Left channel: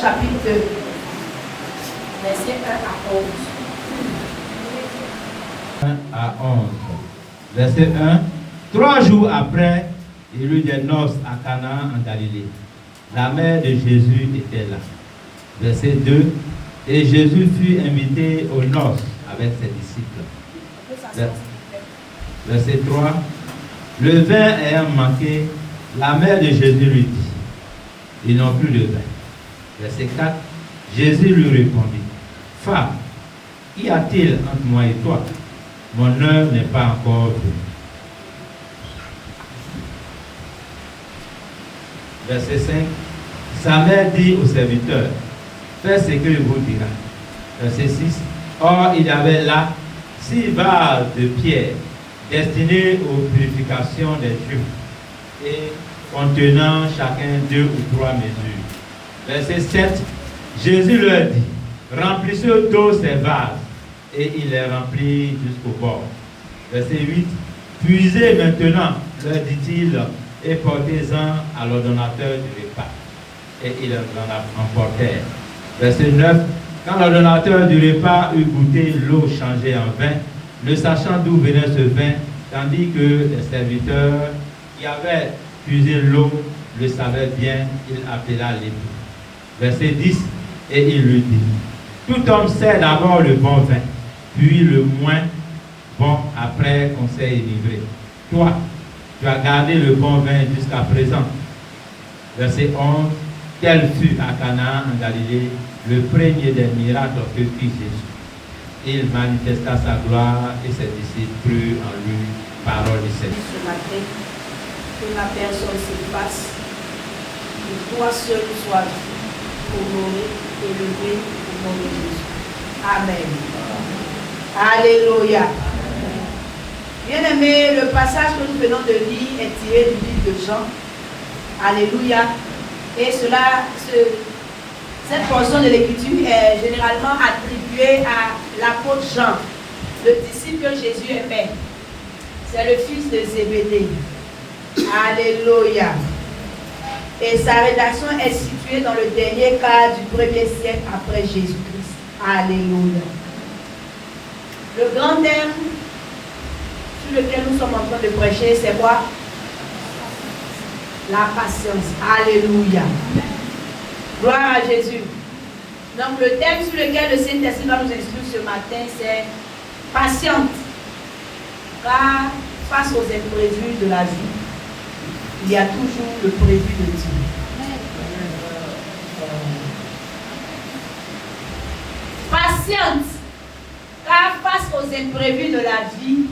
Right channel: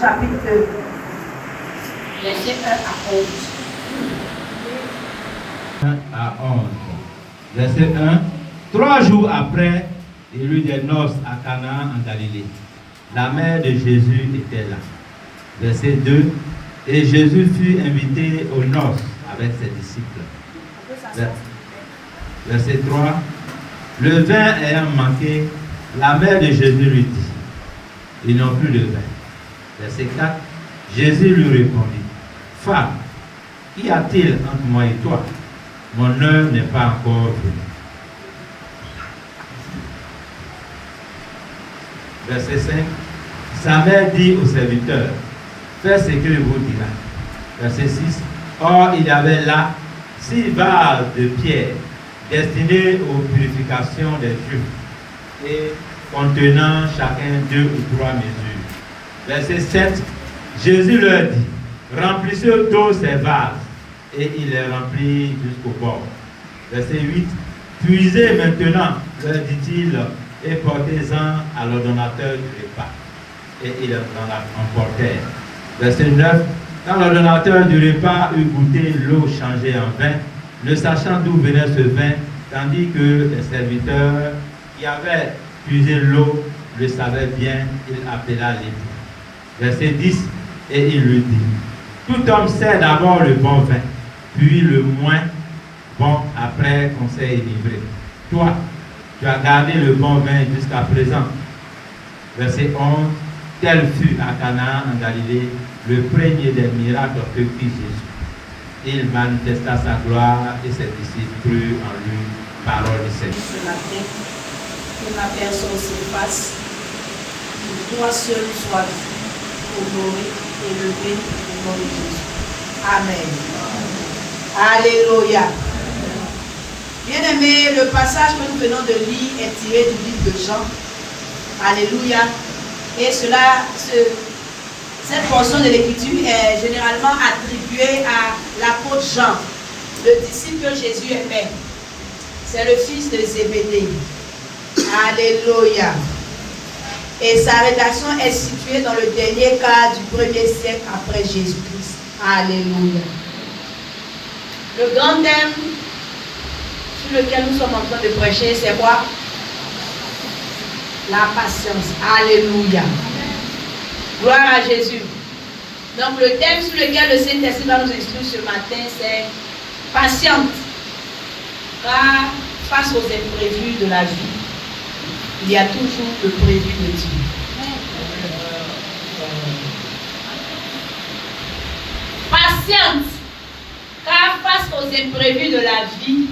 chapitre 2, verset 1 à 11. 1 à 11. Verset 1. 3 jours après, il y eut des noces à Canaan en Galilée. La mère de Jésus était là. Verset 2. Et Jésus fut invité aux noces avec ses disciples. Verset 3. Le vin ayant manqué, la mère de Jésus lui dit, ils n'ont plus de vin. Verset 4. Jésus lui répondit, femme, qu'y a-t-il entre moi et toi? Mon heure n'est pas encore venue. Verset 5. Sa mère dit au serviteur, faites ce qu'il vous dira. Verset 6. Or, il y avait là 6 vases de pierre destinés aux purifications des Juifs et contenant chacun 2 ou 3 mesures. Verset 7. Jésus leur dit, remplissez d'eau ces vases. Et il les remplit jusqu'au bord. Verset 8. Puisez maintenant, leur dit-il, et portez-en à l'ordonnateur du repas. Et ils en emportèrent. Verset 9. Quand l'ordonnateur du repas eut goûté l'eau changée en vin, ne sachant d'où venait ce vin, tandis que les serviteurs qui avaient puisé l'eau le savaient bien, il appela l'époux. Verset 10. Et il lui dit, tout homme sait d'abord le bon vin, puis le moins bon après qu'on s'est enivré. Toi, tu as gardé le bon vin jusqu'à présent. Verset 11. Tel fut à Canaan en Galilée le premier des miracles que fit Jésus. Il manifesta sa gloire et ses disciples crurent en lui. Parole du Seigneur. Ce matin, que ma personne s'efface, que toi seul sois honoré et élevé au nom de Jésus. Amen. Alléluia. Bien-aimés, le passage que nous venons de lire est tiré du livre de Jean. Alléluia. Et cette portion de l'écriture est généralement attribuée à l'apôtre Jean, le disciple que Jésus aimait. C'est le fils de Zébédée. Alléluia. Et sa rédaction est située dans le dernier quart du 1er siècle après Jésus-Christ. Alléluia. Le grand thème sur lequel nous sommes en train de prêcher, c'est quoi? La patience. Alléluia. Gloire à Jésus. Donc le thème sur lequel le Saint-Esprit va nous instruire ce matin, c'est patiente. Car face aux imprévus de la vie, il y a toujours le prévu de Dieu. Patiente. Car face aux imprévus de la vie,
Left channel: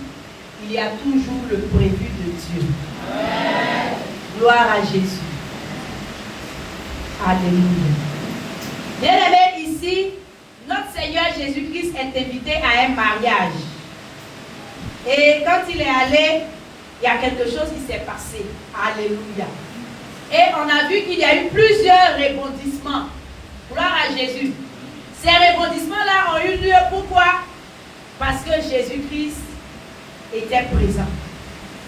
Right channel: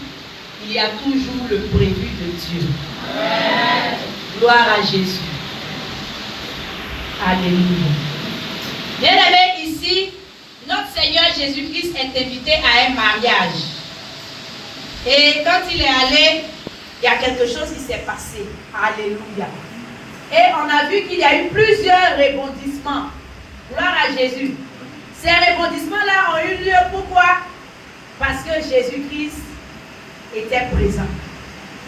il y a toujours le prévu de Dieu. Gloire à Jésus. Alléluia. Bien-aimés, ici, notre Seigneur Jésus-Christ est invité à un mariage. Et quand il est allé, il y a quelque chose qui s'est passé. Alléluia. Et on a vu qu'il y a eu plusieurs rebondissements. Gloire à Jésus. Ces rebondissements-là ont eu lieu pourquoi? Parce que Jésus-Christ était présent.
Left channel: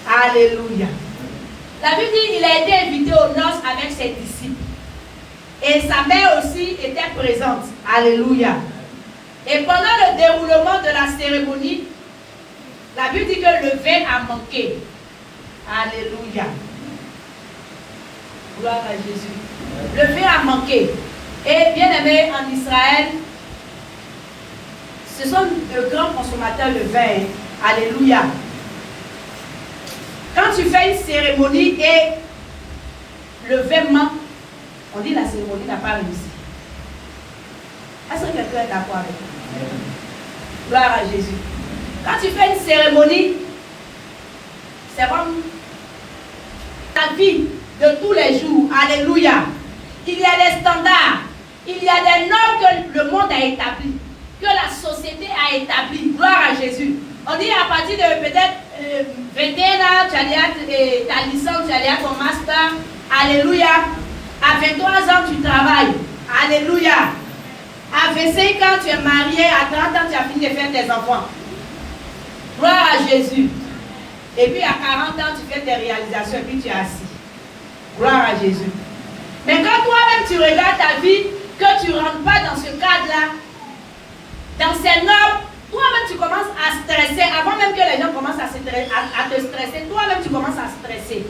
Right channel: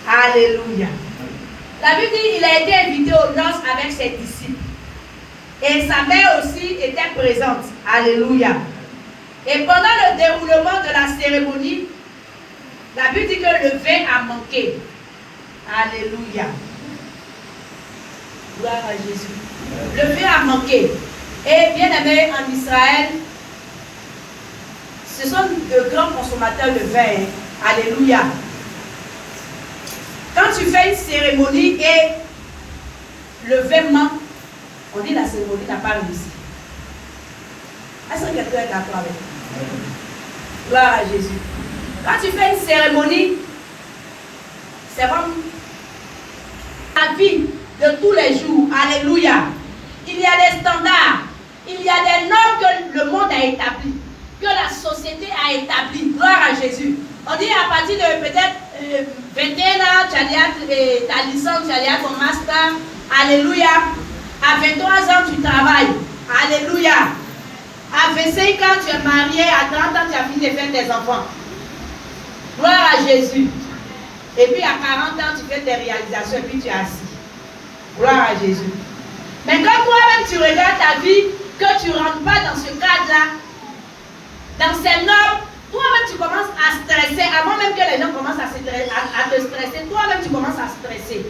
Alléluia. La Bible dit qu'il a été invité aux noces avec ses disciples. Et sa mère aussi était présente. Alléluia. Et pendant le déroulement de la cérémonie, la Bible dit que le vin a manqué. Alléluia. Gloire à Jésus. Le vin a manqué. Et bien aimé, en Israël, ce sont de grands consommateurs de vin. Alléluia. Quand tu fais une cérémonie et le vin manque, on dit la cérémonie n'a pas réussi. Est-ce que quelqu'un est d'accord avec moi? Gloire à Jésus. Quand tu fais une cérémonie, c'est comme la vie de tous les jours. Alléluia. Il y a des standards. Il y a des normes que le monde a établies, que la société a établies. Gloire à Jésus. On dit à partir de peut-être 21 ans, tu as ta licence, tu as ton master. Alléluia. À 23 ans, tu travailles. Alléluia. À 25 ans, tu es marié. À 30 ans, tu as fini de faire tes enfants. Gloire à Jésus. Et puis à 40 ans, tu fais tes réalisations et puis tu es assis. Gloire à Jésus. Mais quand toi-même tu regardes ta vie, que c'est noble, toi-même tu commences à stresser, avant même que les gens commencent à te stresser, toi-même tu commences à stresser.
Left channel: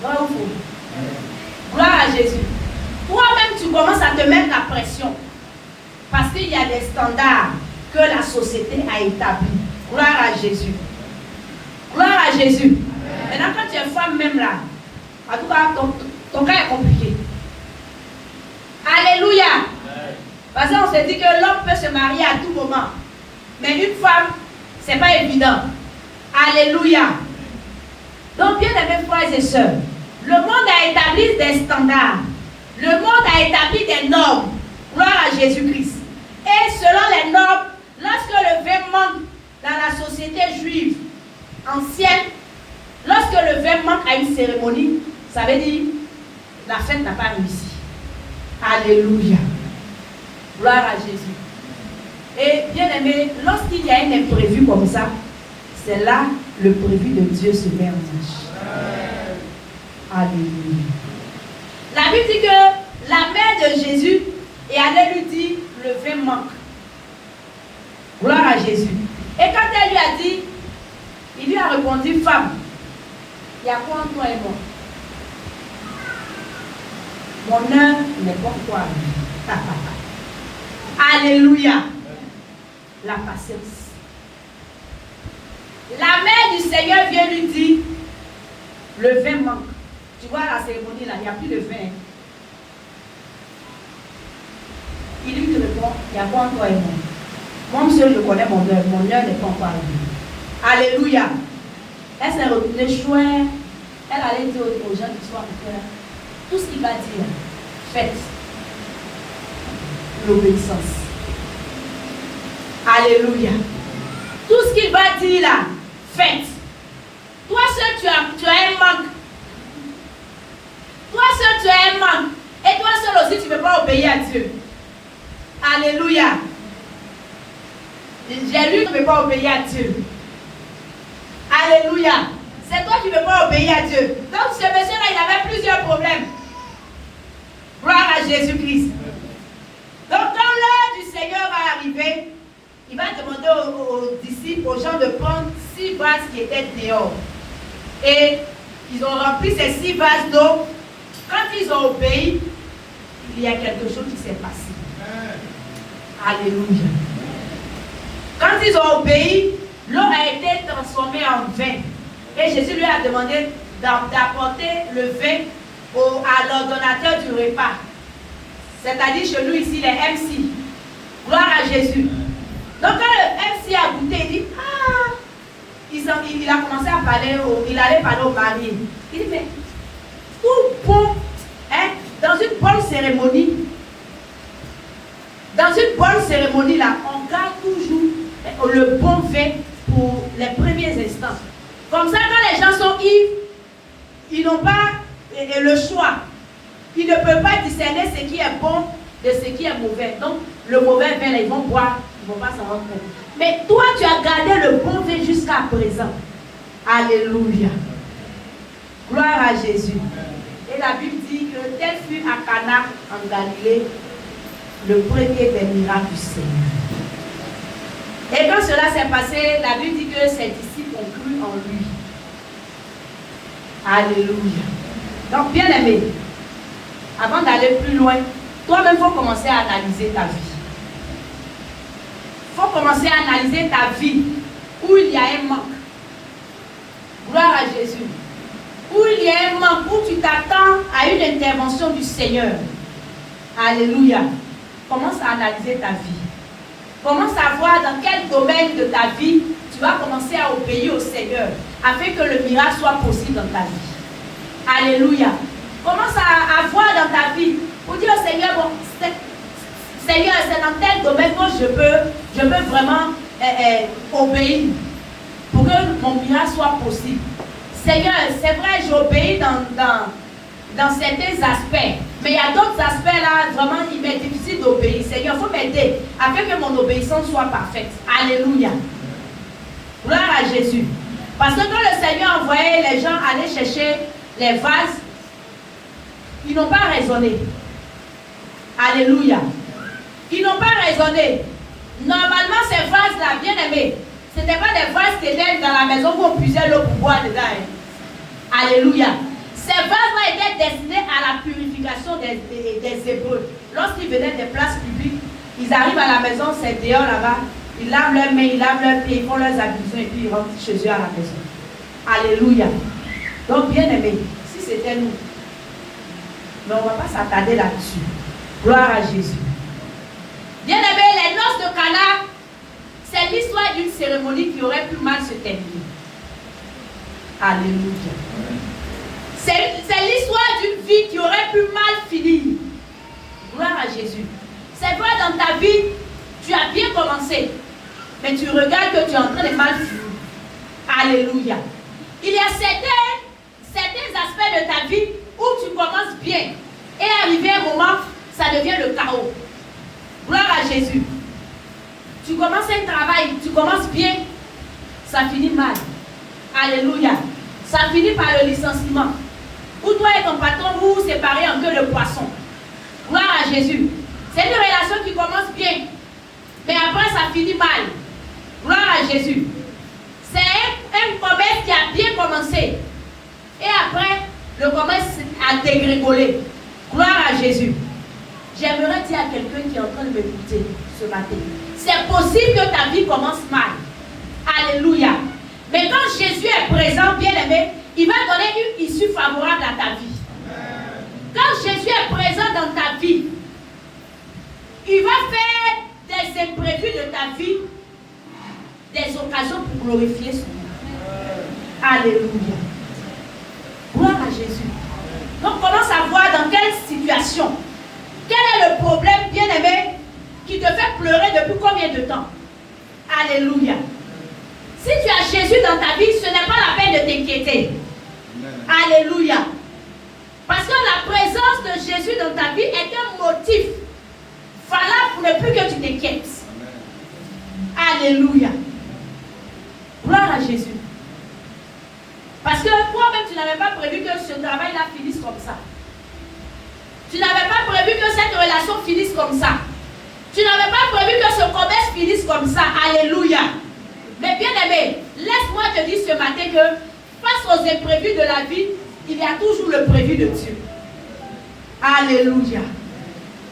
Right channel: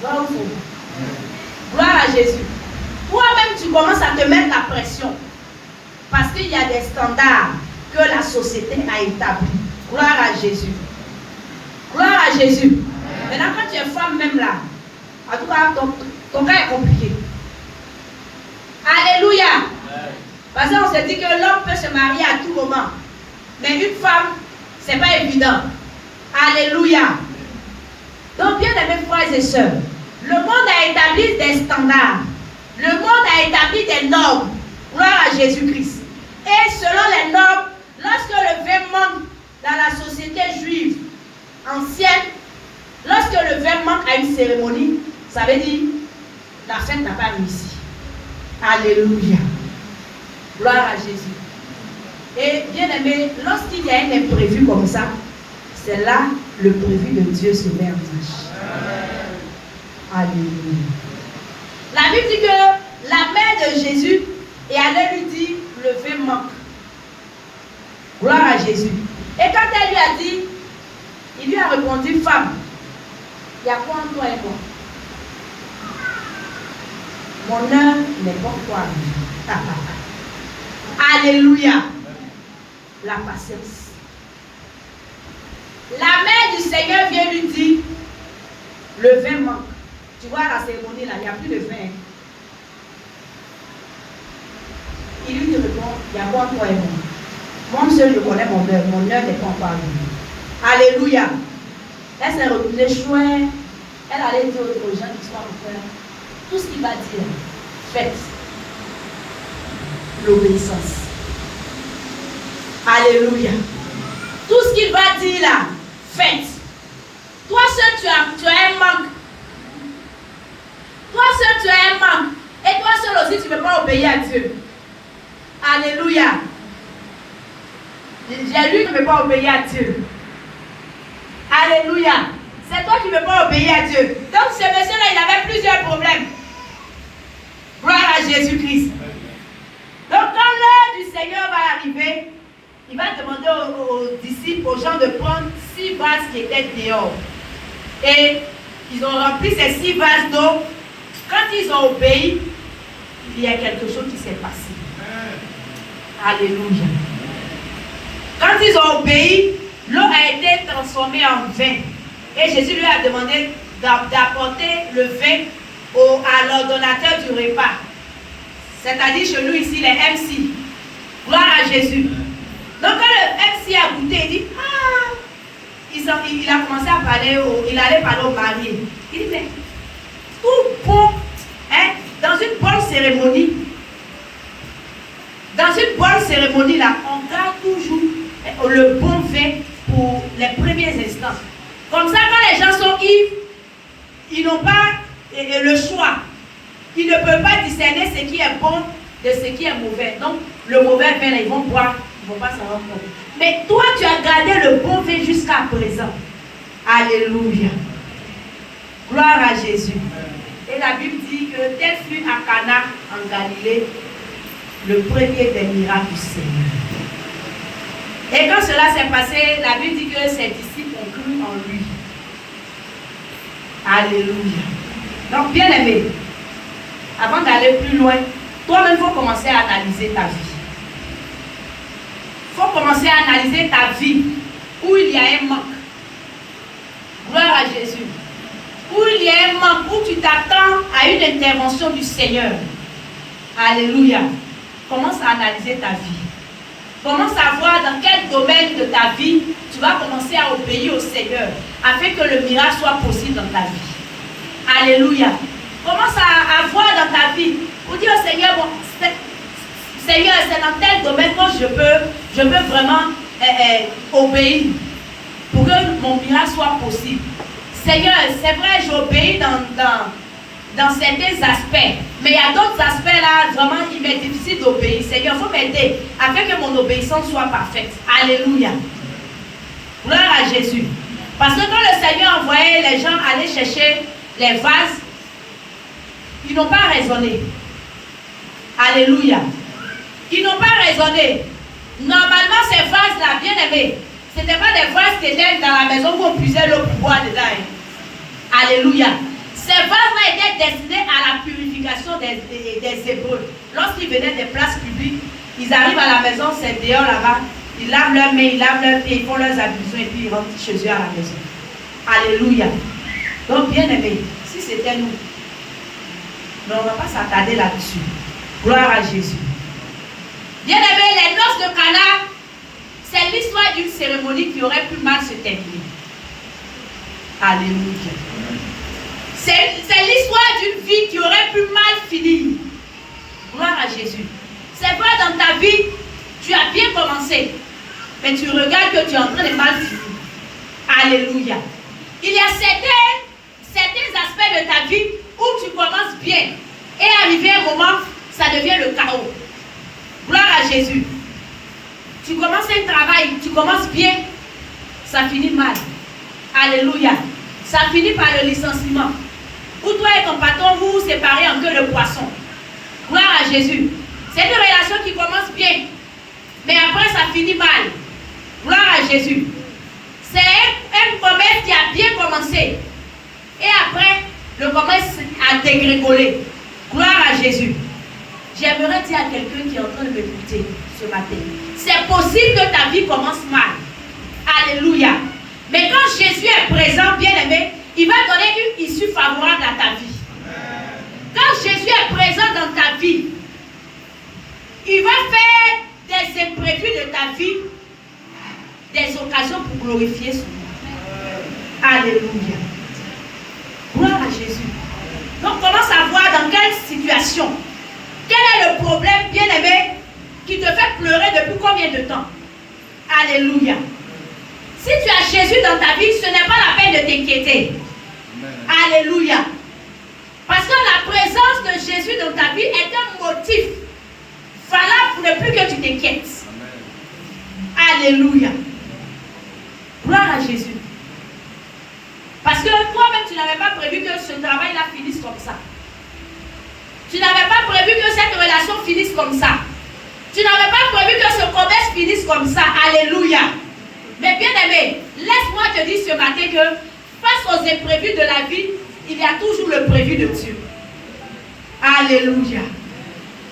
Vrai ou faux? Gloire à Jésus. Toi-même tu commences à te mettre la pression. Parce qu'il y a des standards que la société a établis. Gloire à Jésus. Gloire à Jésus. Maintenant quand tu es femme même là, en tout cas ton cas est compliqué. Alléluia. Parce qu'on se dit que l'homme peut se marier à tout moment. Mais une femme, ce n'est pas évident. Alléluia. Donc, bien aimés frères et sœurs, le monde a établi des standards. Le monde a établi des normes. Gloire à Jésus-Christ. Et selon les normes, lorsque le vin manque dans la société juive ancienne, lorsque le vin manque à une cérémonie, ça veut dire la fête n'a pas réussi. Alléluia. Gloire à Jésus. Et bien aimé, lorsqu'il y a un imprévu comme ça, c'est là le prévu de Dieu se met en marche. Alléluia. La Bible dit que la mère de Jésus est allée lui dire le vin manque. Gloire à Jésus. Et quand elle lui a dit, il lui a répondu, femme, il y a quoi en toi et moi? Mon heure n'est pas toi. Alléluia. La patience. La mère du Seigneur vient lui dire, le vin manque. Tu vois la cérémonie là, il n'y a plus de vin. Il lui répond, il y a quoi en toi et moi? Moi, monsieur, je connais mon heure n'est pas encore arrivée. Alléluia. Elle s'est retrouvée chouette. Elle allait dire aux gens qui sont à peu près, tout ce qu'il va dire, faites. L'obéissance. Alléluia. Tout ce qu'il va dire là, faites. Toi seul, tu as un manque. Toi seul, tu as un manque. Et toi seul aussi, tu ne peux pas obéir à Dieu. Alléluia. J'ai lu, tu ne peux pas obéir à Dieu. Alléluia. C'est toi qui ne peux pas obéir à Dieu. Donc ce monsieur-là, il avait plusieurs problèmes. Gloire à Jésus-Christ. Donc quand l'heure du Seigneur va arriver, il va demander aux disciples, aux gens de prendre 6 vases qui étaient dehors. Et ils ont rempli ces 6 vases d'eau. Quand ils ont obéi, il y a quelque chose qui s'est passé. Alléluia. Quand ils ont obéi, l'eau a été transformée en vin. Et Jésus lui a demandé d'apporter le vin à l'ordonnateur du repas. C'est-à-dire chez nous ici, les MC. Gloire à Jésus. Donc quand le MC a goûté, il dit, ah, il a commencé à parler, il allait parler au marié. Il dit, mais tout bon, hein, dans une bonne cérémonie, là, on garde toujours le bon vin pour les premiers instants. Comme ça, quand les gens sont ivres, ils n'ont pas le choix. Ils ne peuvent pas discerner ce qui est bon de ce qui est mauvais. Donc, le mauvais vin, là, ils vont boire, ils ne vont pas s'en rendre compte. Mais toi, tu as gardé le bon vin jusqu'à présent. Alléluia. Gloire à Jésus. Et la Bible dit que tel fut à Cana, en Galilée, le premier des miracles du Seigneur. Et quand cela s'est passé, la Bible dit que ses disciples ont cru en lui. Alléluia. Donc, bien aimé, avant d'aller plus loin, toi-même, il faut commencer à analyser ta vie. Il faut commencer à analyser ta vie où il y a un manque. Gloire à Jésus. Où il y a un manque, où tu t'attends à une intervention du Seigneur. Alléluia. Commence à analyser ta vie. Commence à voir dans quel domaine de ta vie tu vas commencer à obéir au Seigneur afin que le miracle soit possible dans ta vie. Alléluia. Commence à voir dans ta vie pour dire au Seigneur, bon, Seigneur, c'est dans tel domaine que je peux vraiment obéir pour que mon miracle soit possible. Seigneur, c'est vrai, j'obéis dans certains aspects, mais il y a d'autres aspects là, vraiment, il m'est difficile d'obéir. Seigneur, il faut m'aider afin que mon obéissance soit parfaite. Alléluia. Gloire à Jésus. Parce que quand le Seigneur envoyait les gens aller chercher les vases, ils n'ont pas raisonné. Alléluia. qui n'ont pas raisonné. Normalement, ces vases-là, bien aimés, ce n'étaient pas des vases qui étaient dans la maison où on puisait l'eau pour boire dedans. Alléluia. Ces vases-là étaient destinés à la purification des Hébreux. Lorsqu'ils venaient des places publiques, ils arrivent à la maison, c'est dehors là-bas, ils lavent leurs mains, ils lavent leurs pieds, ils font leurs ablutions et puis ils rentrent chez eux à la maison. Alléluia. Donc, bien aimé, si c'était nous, mais on ne va pas s'attarder là-dessus. Gloire à Jésus. Bien aimé, les noces de Cana, c'est l'histoire d'une cérémonie qui aurait pu mal se terminer. Alléluia. C'est l'histoire d'une vie qui aurait pu mal finir. Gloire à Jésus. C'est vrai, dans ta vie, tu as bien commencé, mais tu regardes que tu es en train de mal finir. Alléluia. Il y a certains aspects de ta vie où tu commences bien et arrivé un moment, ça devient le chaos. Gloire à Jésus. Tu commences un travail, tu commences bien, ça finit mal. Alléluia. Ça finit par le licenciement. Où toi et ton patron, vous vous séparez en queue de poisson. Gloire à Jésus. C'est une relation qui commence bien, mais après ça finit mal. Gloire à Jésus. C'est un commerce qui a bien commencé. Et après, le commerce a dégringolé. Gloire à Jésus. J'aimerais dire à quelqu'un qui est en train de m'écouter ce matin, c'est possible que ta vie commence mal. Alléluia. Mais quand Jésus est présent, bien aimé, il va donner une issue favorable à ta vie. Quand Jésus est présent dans ta vie, il va faire des imprévus de ta vie, des occasions pour glorifier son nom. Alléluia. Gloire à Jésus. Donc commence à voir dans quelle situation, quel est le problème, bien aimé, qui te fait pleurer depuis combien de temps. Alléluia. Si tu as Jésus dans ta vie, ce n'est pas la peine de t'inquiéter. Alléluia. Parce que la présence de Jésus dans ta vie est un motif valable pour ne plus que tu t'inquiètes. Alléluia. Gloire à Jésus. Parce que toi-même, tu n'avais pas prévu que ce travail-là finisse comme ça. Tu n'avais pas prévu que cette relation finisse comme ça. Tu n'avais pas prévu que ce commerce finisse comme ça. Alléluia. Mais bien aimé, laisse-moi te dire ce matin que face aux imprévus de la vie, il y a toujours le prévu de Dieu. Alléluia.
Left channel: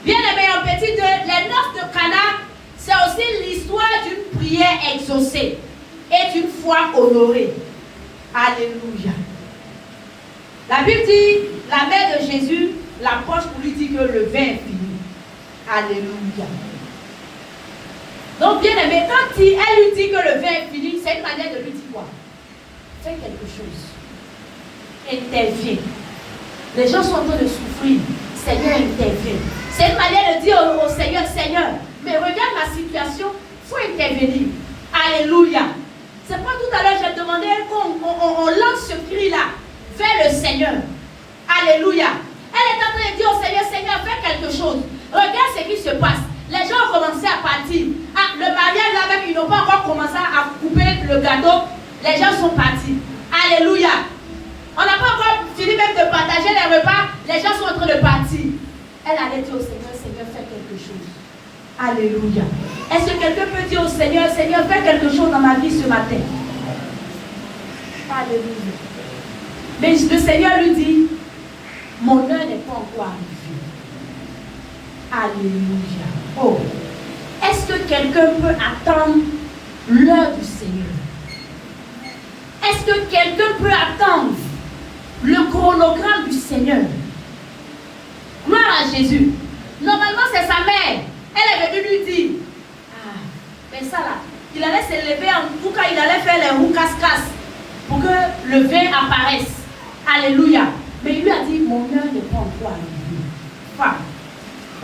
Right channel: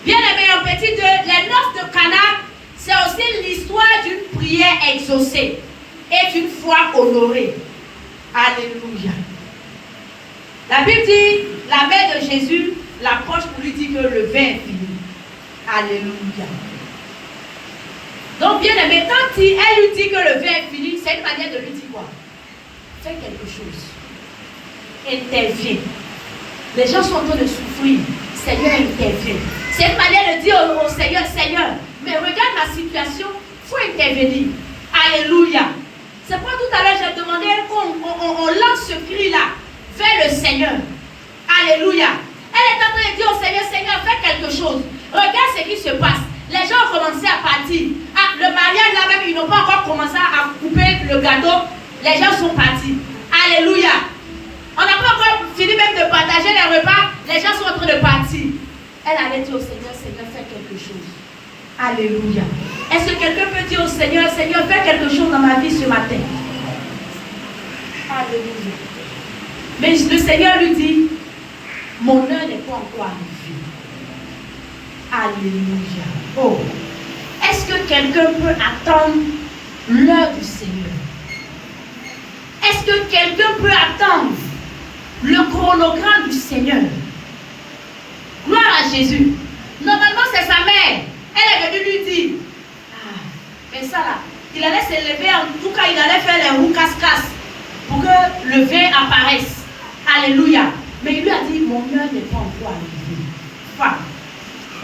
Bien aimé, en petit 2, les noces de Cana, c'est aussi l'histoire d'une prière exaucée et d'une foi honorée. Alléluia. La Bible dit, la mère de Jésus l'approche pour lui dire que le vin est fini. Alléluia. Donc, bien aimé, quand elle lui dit que le vin est fini, c'est une manière de lui dire quoi? Fais quelque chose. Interviens. Les gens sont en train de souffrir. Seigneur, interviens. C'est une manière de dire au Seigneur, Seigneur, mais regarde ma situation, il faut intervenir. Alléluia. C'est pourquoi tout à l'heure, j'ai demandé qu'on lance ce cri-là vers le Seigneur. Alléluia. Elle est en train de dire au Seigneur, Seigneur, fais quelque chose. Regarde ce qui se passe. Les gens ont commencé à partir. Ah, le mariage là même, ils n'ont pas encore commencé à couper le gâteau. Les gens sont partis. Alléluia. On n'a pas encore fini même de partager les repas. Les gens sont en train de partir. Elle allait dire au Seigneur, Seigneur, fais quelque chose. Alléluia. Est-ce que quelqu'un peut dire au Seigneur, Seigneur, fais quelque chose dans ma vie ce matin? Alléluia. Mais le Seigneur lui dit, mon heure n'est pas encore arrivée. Alléluia. Oh, est-ce que quelqu'un peut attendre l'heure du Seigneur? Est-ce que quelqu'un peut attendre le chronogramme du Seigneur? Gloire à Jésus. Normalement, c'est sa mère. Elle est venue lui dire, ah, mais ça là, il allait se lever, en tout cas, il allait faire les roues casse-casse pour que le vin apparaisse. Alléluia. Mais il lui a dit, mon heure n'est pas encore arrivée. Enfin,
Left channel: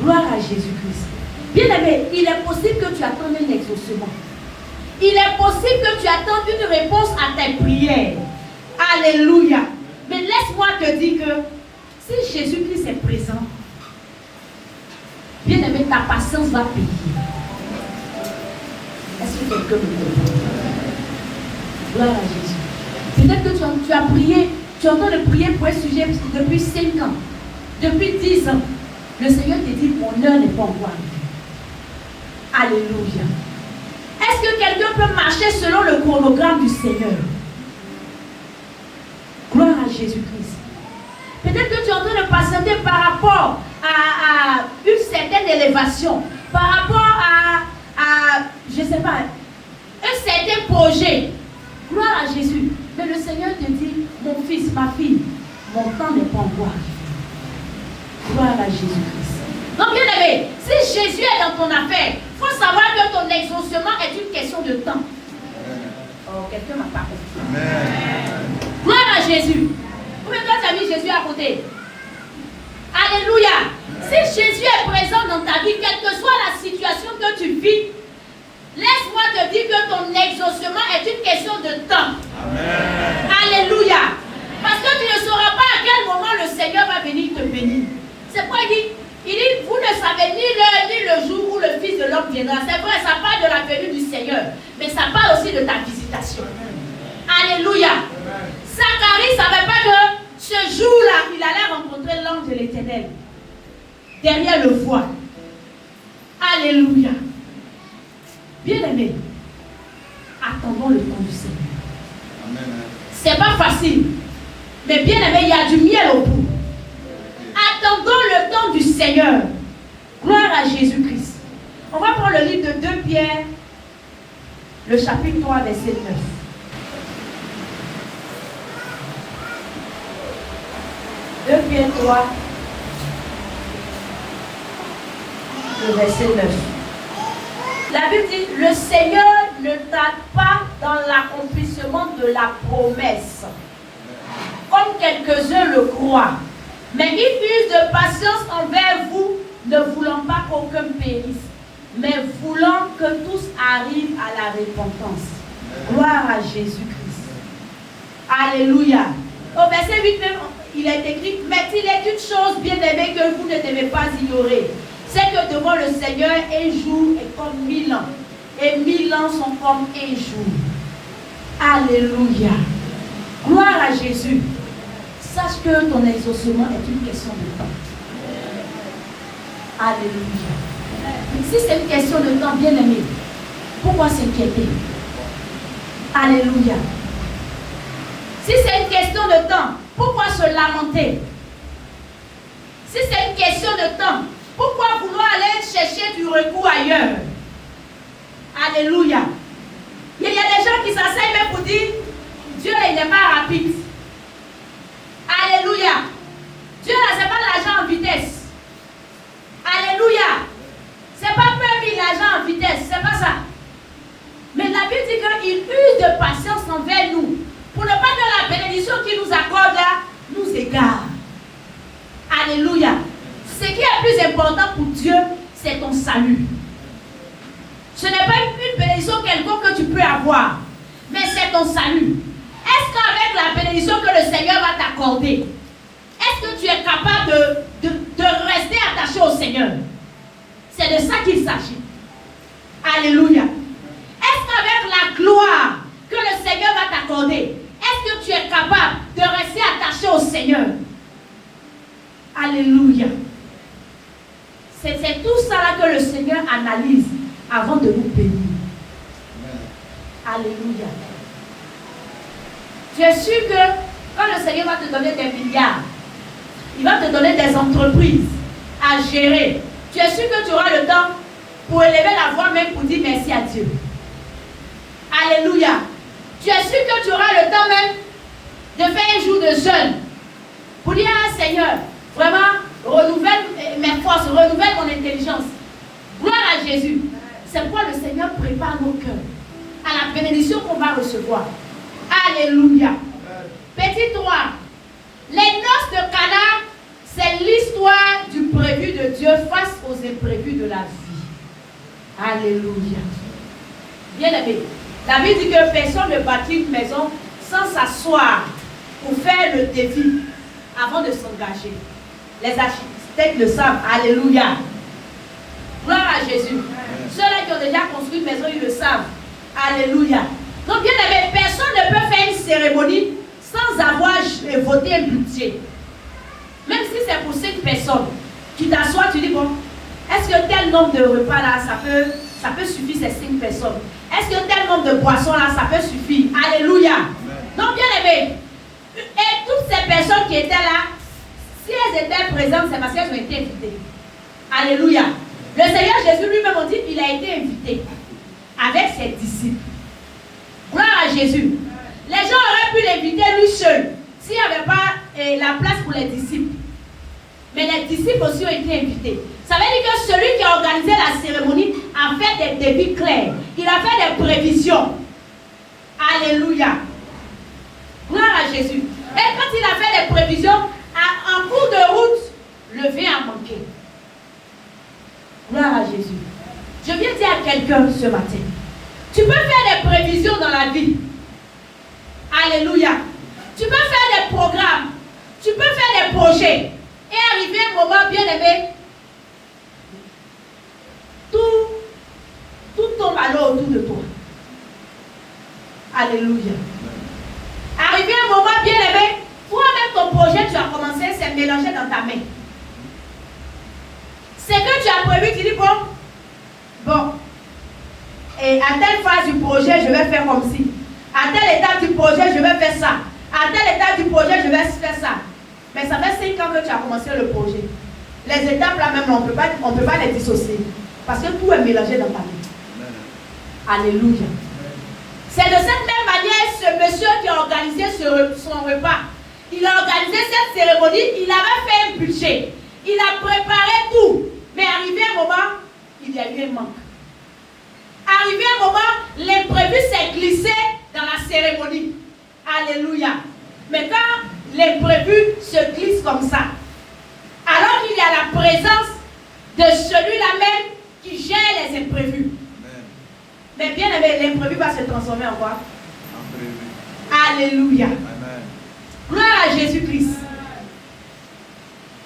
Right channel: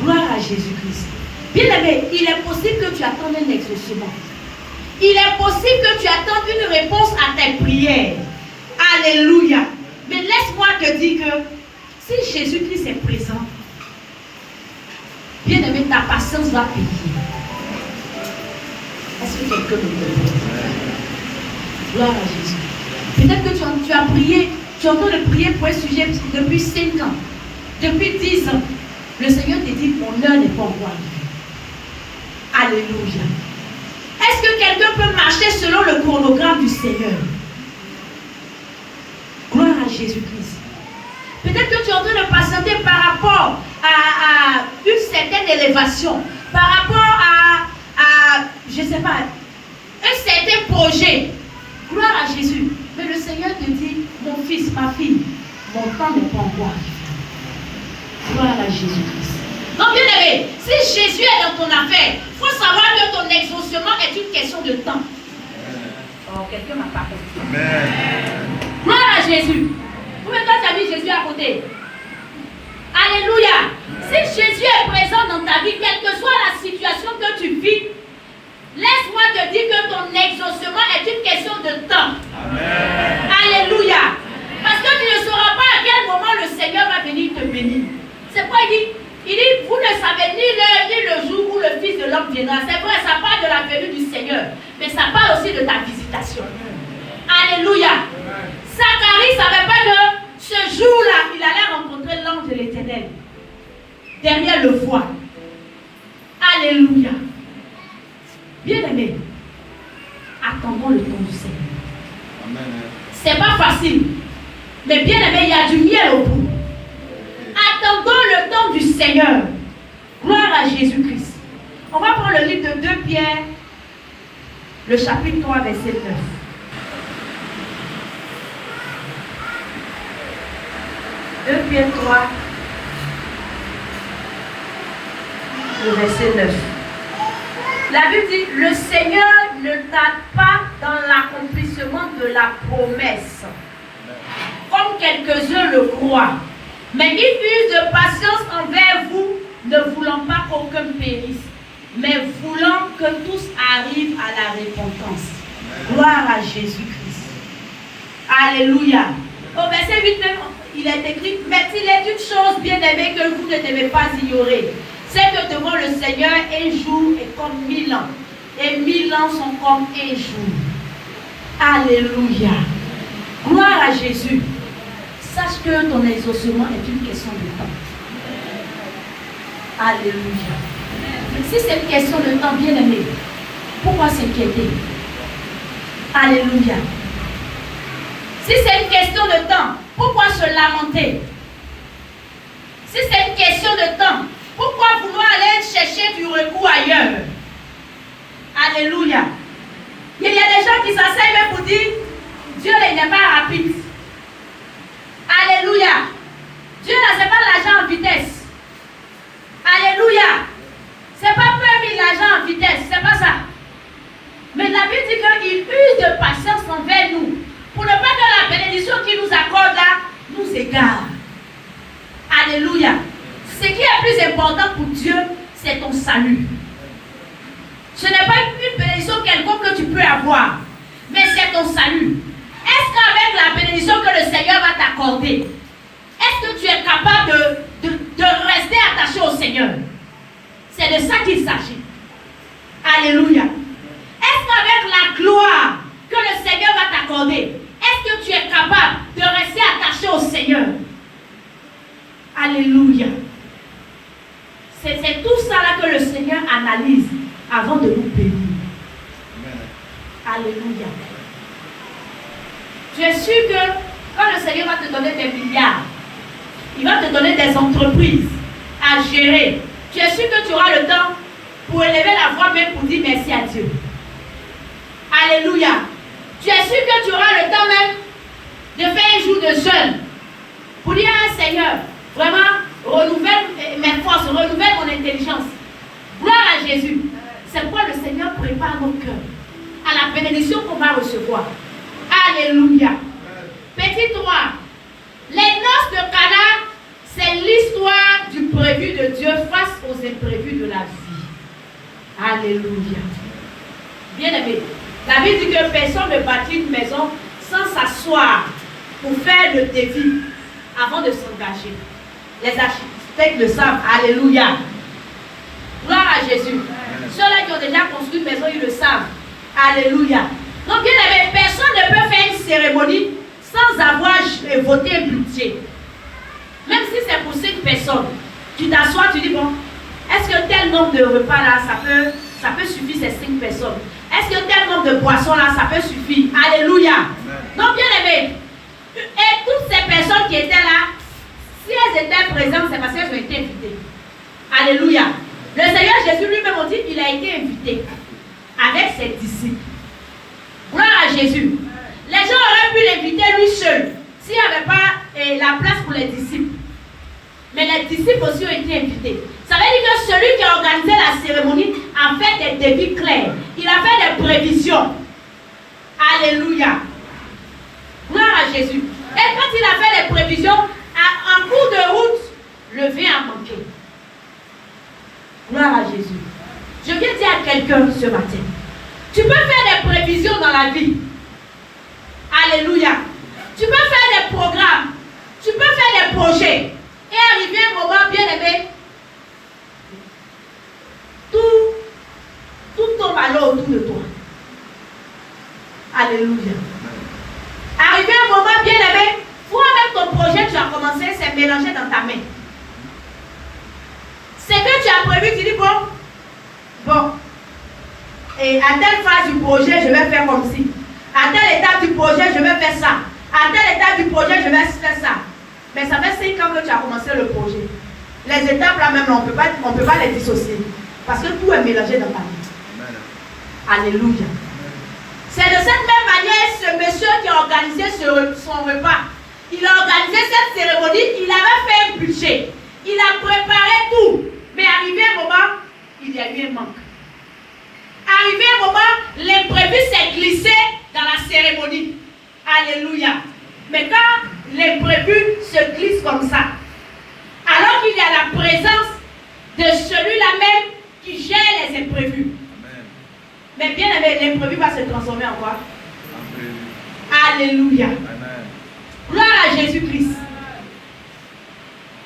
gloire à Jésus-Christ. Bien aimé, il est possible que tu attendes un exaucement. Il est possible que tu attendes une réponse à tes prières. Alléluia. Mais laisse-moi te dire que si Jésus-Christ est présent, bien aimé, ta patience va payer. Est-ce que quelqu'un me comprend? Gloire à Jésus. Peut-être que tu as prié, tu es en train de prier pour un sujet depuis 5 ans, depuis 10 ans. Le Seigneur te dit, mon heure n'est pas encore arrivée. Alléluia. Est-ce que quelqu'un peut marcher selon le chronogramme du Seigneur? Gloire à Jésus-Christ. Peut-être que tu es en train de patienter par rapport à une certaine élévation, par rapport à je ne sais pas, un certain projet. Gloire à Jésus. Mais le Seigneur te dit, mon fils, ma fille, mon temps n'est pas encore arrivé. Gloire à Jésus-Christ. Donc, bien aimé, si Jésus est dans ton affaire, il faut savoir que ton exaucement est une question de temps. Oh, quelqu'un m'a pas compris. Gloire à Jésus. Combien de temps tu as mis Jésus à côté? Alléluia. Si Jésus est présent dans ta vie, quelle que soit la situation que tu vis, laisse-moi te dire que ton exaucement est une question de temps. Amen. Alléluia. Parce que tu ne sauras pas à quel moment le Seigneur va venir te bénir. C'est pourquoi il dit, vous ne savez ni l'heure ni le jour où le Fils de l'homme viendra. C'est vrai, ça parle de la venue du Seigneur. Mais ça parle aussi de ta visitation. Alléluia. Zacharie ne savait pas que ce jour-là, il allait rencontrer l'ange de l'Éternel. Derrière le voile. Alléluia. Bien-aimés, attendons le temps du Seigneur. C'est pas facile. Mais bien-aimés, il y a du miel au bout. Attendons le temps du Seigneur. Gloire à Jésus-Christ. On va prendre le livre de 2 Pierre, le chapitre 3, verset 9. 2 Pierre 3, le verset 9. La Bible dit, le Seigneur ne tarde pas dans l'accomplissement de la promesse, comme quelques-uns le croient. Mais il use de patience envers vous, ne voulant pas qu'aucun périsse, mais voulant que tous arrivent à la repentance. Gloire à Jésus-Christ. Alléluia. Au verset 8, il est écrit, mais il est une chose bien aimée que vous ne devez pas ignorer. C'est que devant le Seigneur, un jour est comme 1000 ans. Et 1000 ans sont comme un jour. Alléluia. Gloire à Jésus. Sache que ton exaucement est une question de temps. Alléluia. Si c'est une question de temps, bien aimé, pourquoi s'inquiéter? Alléluia. Si c'est une question de temps, pourquoi se lamenter? Si c'est une question de temps, pourquoi vouloir aller chercher du recours ailleurs? Alléluia. Il y a des gens qui s'asseyent même pour dire, Dieu il n'est pas rapide. Alléluia. Dieu là, c'est pas l'argent en vitesse. Alléluia. C'est pas permis l'argent en vitesse, c'est pas ça. Mais la Bible dit qu'il use de patience envers nous, pour ne pas que la bénédiction qu'il nous accorde là nous égare. Alléluia. Ce qui est plus important pour Dieu, c'est ton salut. Ce n'est pas une bénédiction quelconque que tu peux avoir, mais c'est ton salut. Est-ce qu'avec la bénédiction que le Seigneur va t'accorder, est-ce que tu es capable de rester attaché au Seigneur? C'est de ça qu'il s'agit. Alléluia. Est-ce qu'avec la gloire que le Seigneur va t'accorder, est-ce que tu es capable de rester attaché au Seigneur? Alléluia. C'est tout ça là que le Seigneur analyse avant de nous bénir. Alléluia. Tu es sûr que quand le Seigneur va te donner des milliards, il va te donner des entreprises à gérer. Tu es sûr que tu auras le temps pour élever la voix même pour dire merci à Dieu. Alléluia. Tu es sûr que tu auras le temps même de faire un jour de jeûne pour dire à Seigneur, vraiment, renouvelle mes forces, renouvelle mon intelligence. Gloire à Jésus. C'est pourquoi le Seigneur prépare nos cœurs à la bénédiction qu'on va recevoir. Alléluia. Petit 3. Les noces de Cana, c'est l'histoire du prévu de Dieu face aux imprévus de la vie. Alléluia. Bien-aimé, la Bible dit que personne ne bâtit une maison sans s'asseoir pour faire le défi avant de s'engager. Les architectes le savent. Alléluia. Gloire à Jésus. Ceux-là qui ont déjà construit une maison, ils le savent. Alléluia. Donc, bien aimé, personne ne peut faire une cérémonie sans avoir voté un budget. Même si c'est pour 5 personnes, tu t'assois, tu dis, bon, est-ce que tel nombre de repas là, ça peut suffire ces 5 personnes. Est-ce que tel nombre de boissons là, ça peut suffire? Alléluia. Donc, bien aimé, et toutes ces personnes qui étaient là, si elles étaient présentes, c'est parce qu'elles ont été invitées. Alléluia. Le Seigneur Jésus lui-même, on dit, il a été invité avec ses disciples. Gloire à Jésus. Les gens auraient pu l'inviter lui seul, s'il n'y avait pas la place pour les disciples. Mais les disciples aussi ont été invités. Ça veut dire que celui qui a organisé la cérémonie a fait des débits clairs. Il a fait des prévisions. Alléluia. Gloire à Jésus. Et quand il a fait les prévisions, en cours de route, le vin a manqué. Gloire à Jésus. Je viens dire à quelqu'un ce matin, tu peux faire des prévisions dans la vie. Alléluia. Tu peux faire des programmes. Tu peux faire des projets. Et arriver un moment, bien aimé, tout tombe alors autour de toi. Alléluia. Arriver un moment, bien aimé, toi-même ton projet, tu as commencé, c'est mélangé dans ta main. C'est que tu as prévu, tu dis bon, et à telle phase du projet, je vais faire comme ci. À telle étape du projet, je vais faire ça. À telle étape du projet, je vais faire ça. Mais ça fait 5 ans que tu as commencé le projet. Les étapes là même, on ne peut pas les dissocier. Parce que tout est mélangé dans ta vie. Alléluia. C'est de cette même manière, ce monsieur qui a organisé son repas, il a organisé cette cérémonie, il avait fait un budget. Il a préparé tout. Mais arrivé un moment, il y a eu un manque. Arrivé un moment, l'imprévu s'est glissé dans la cérémonie. Alléluia. Mais quand l'imprévu se glisse comme ça, alors qu'il y a la présence de celui-là même qui gère les imprévus. Amen. Mais bien aimé, l'imprévu va se transformer en quoi? Alléluia. Amen. Gloire à Jésus-Christ.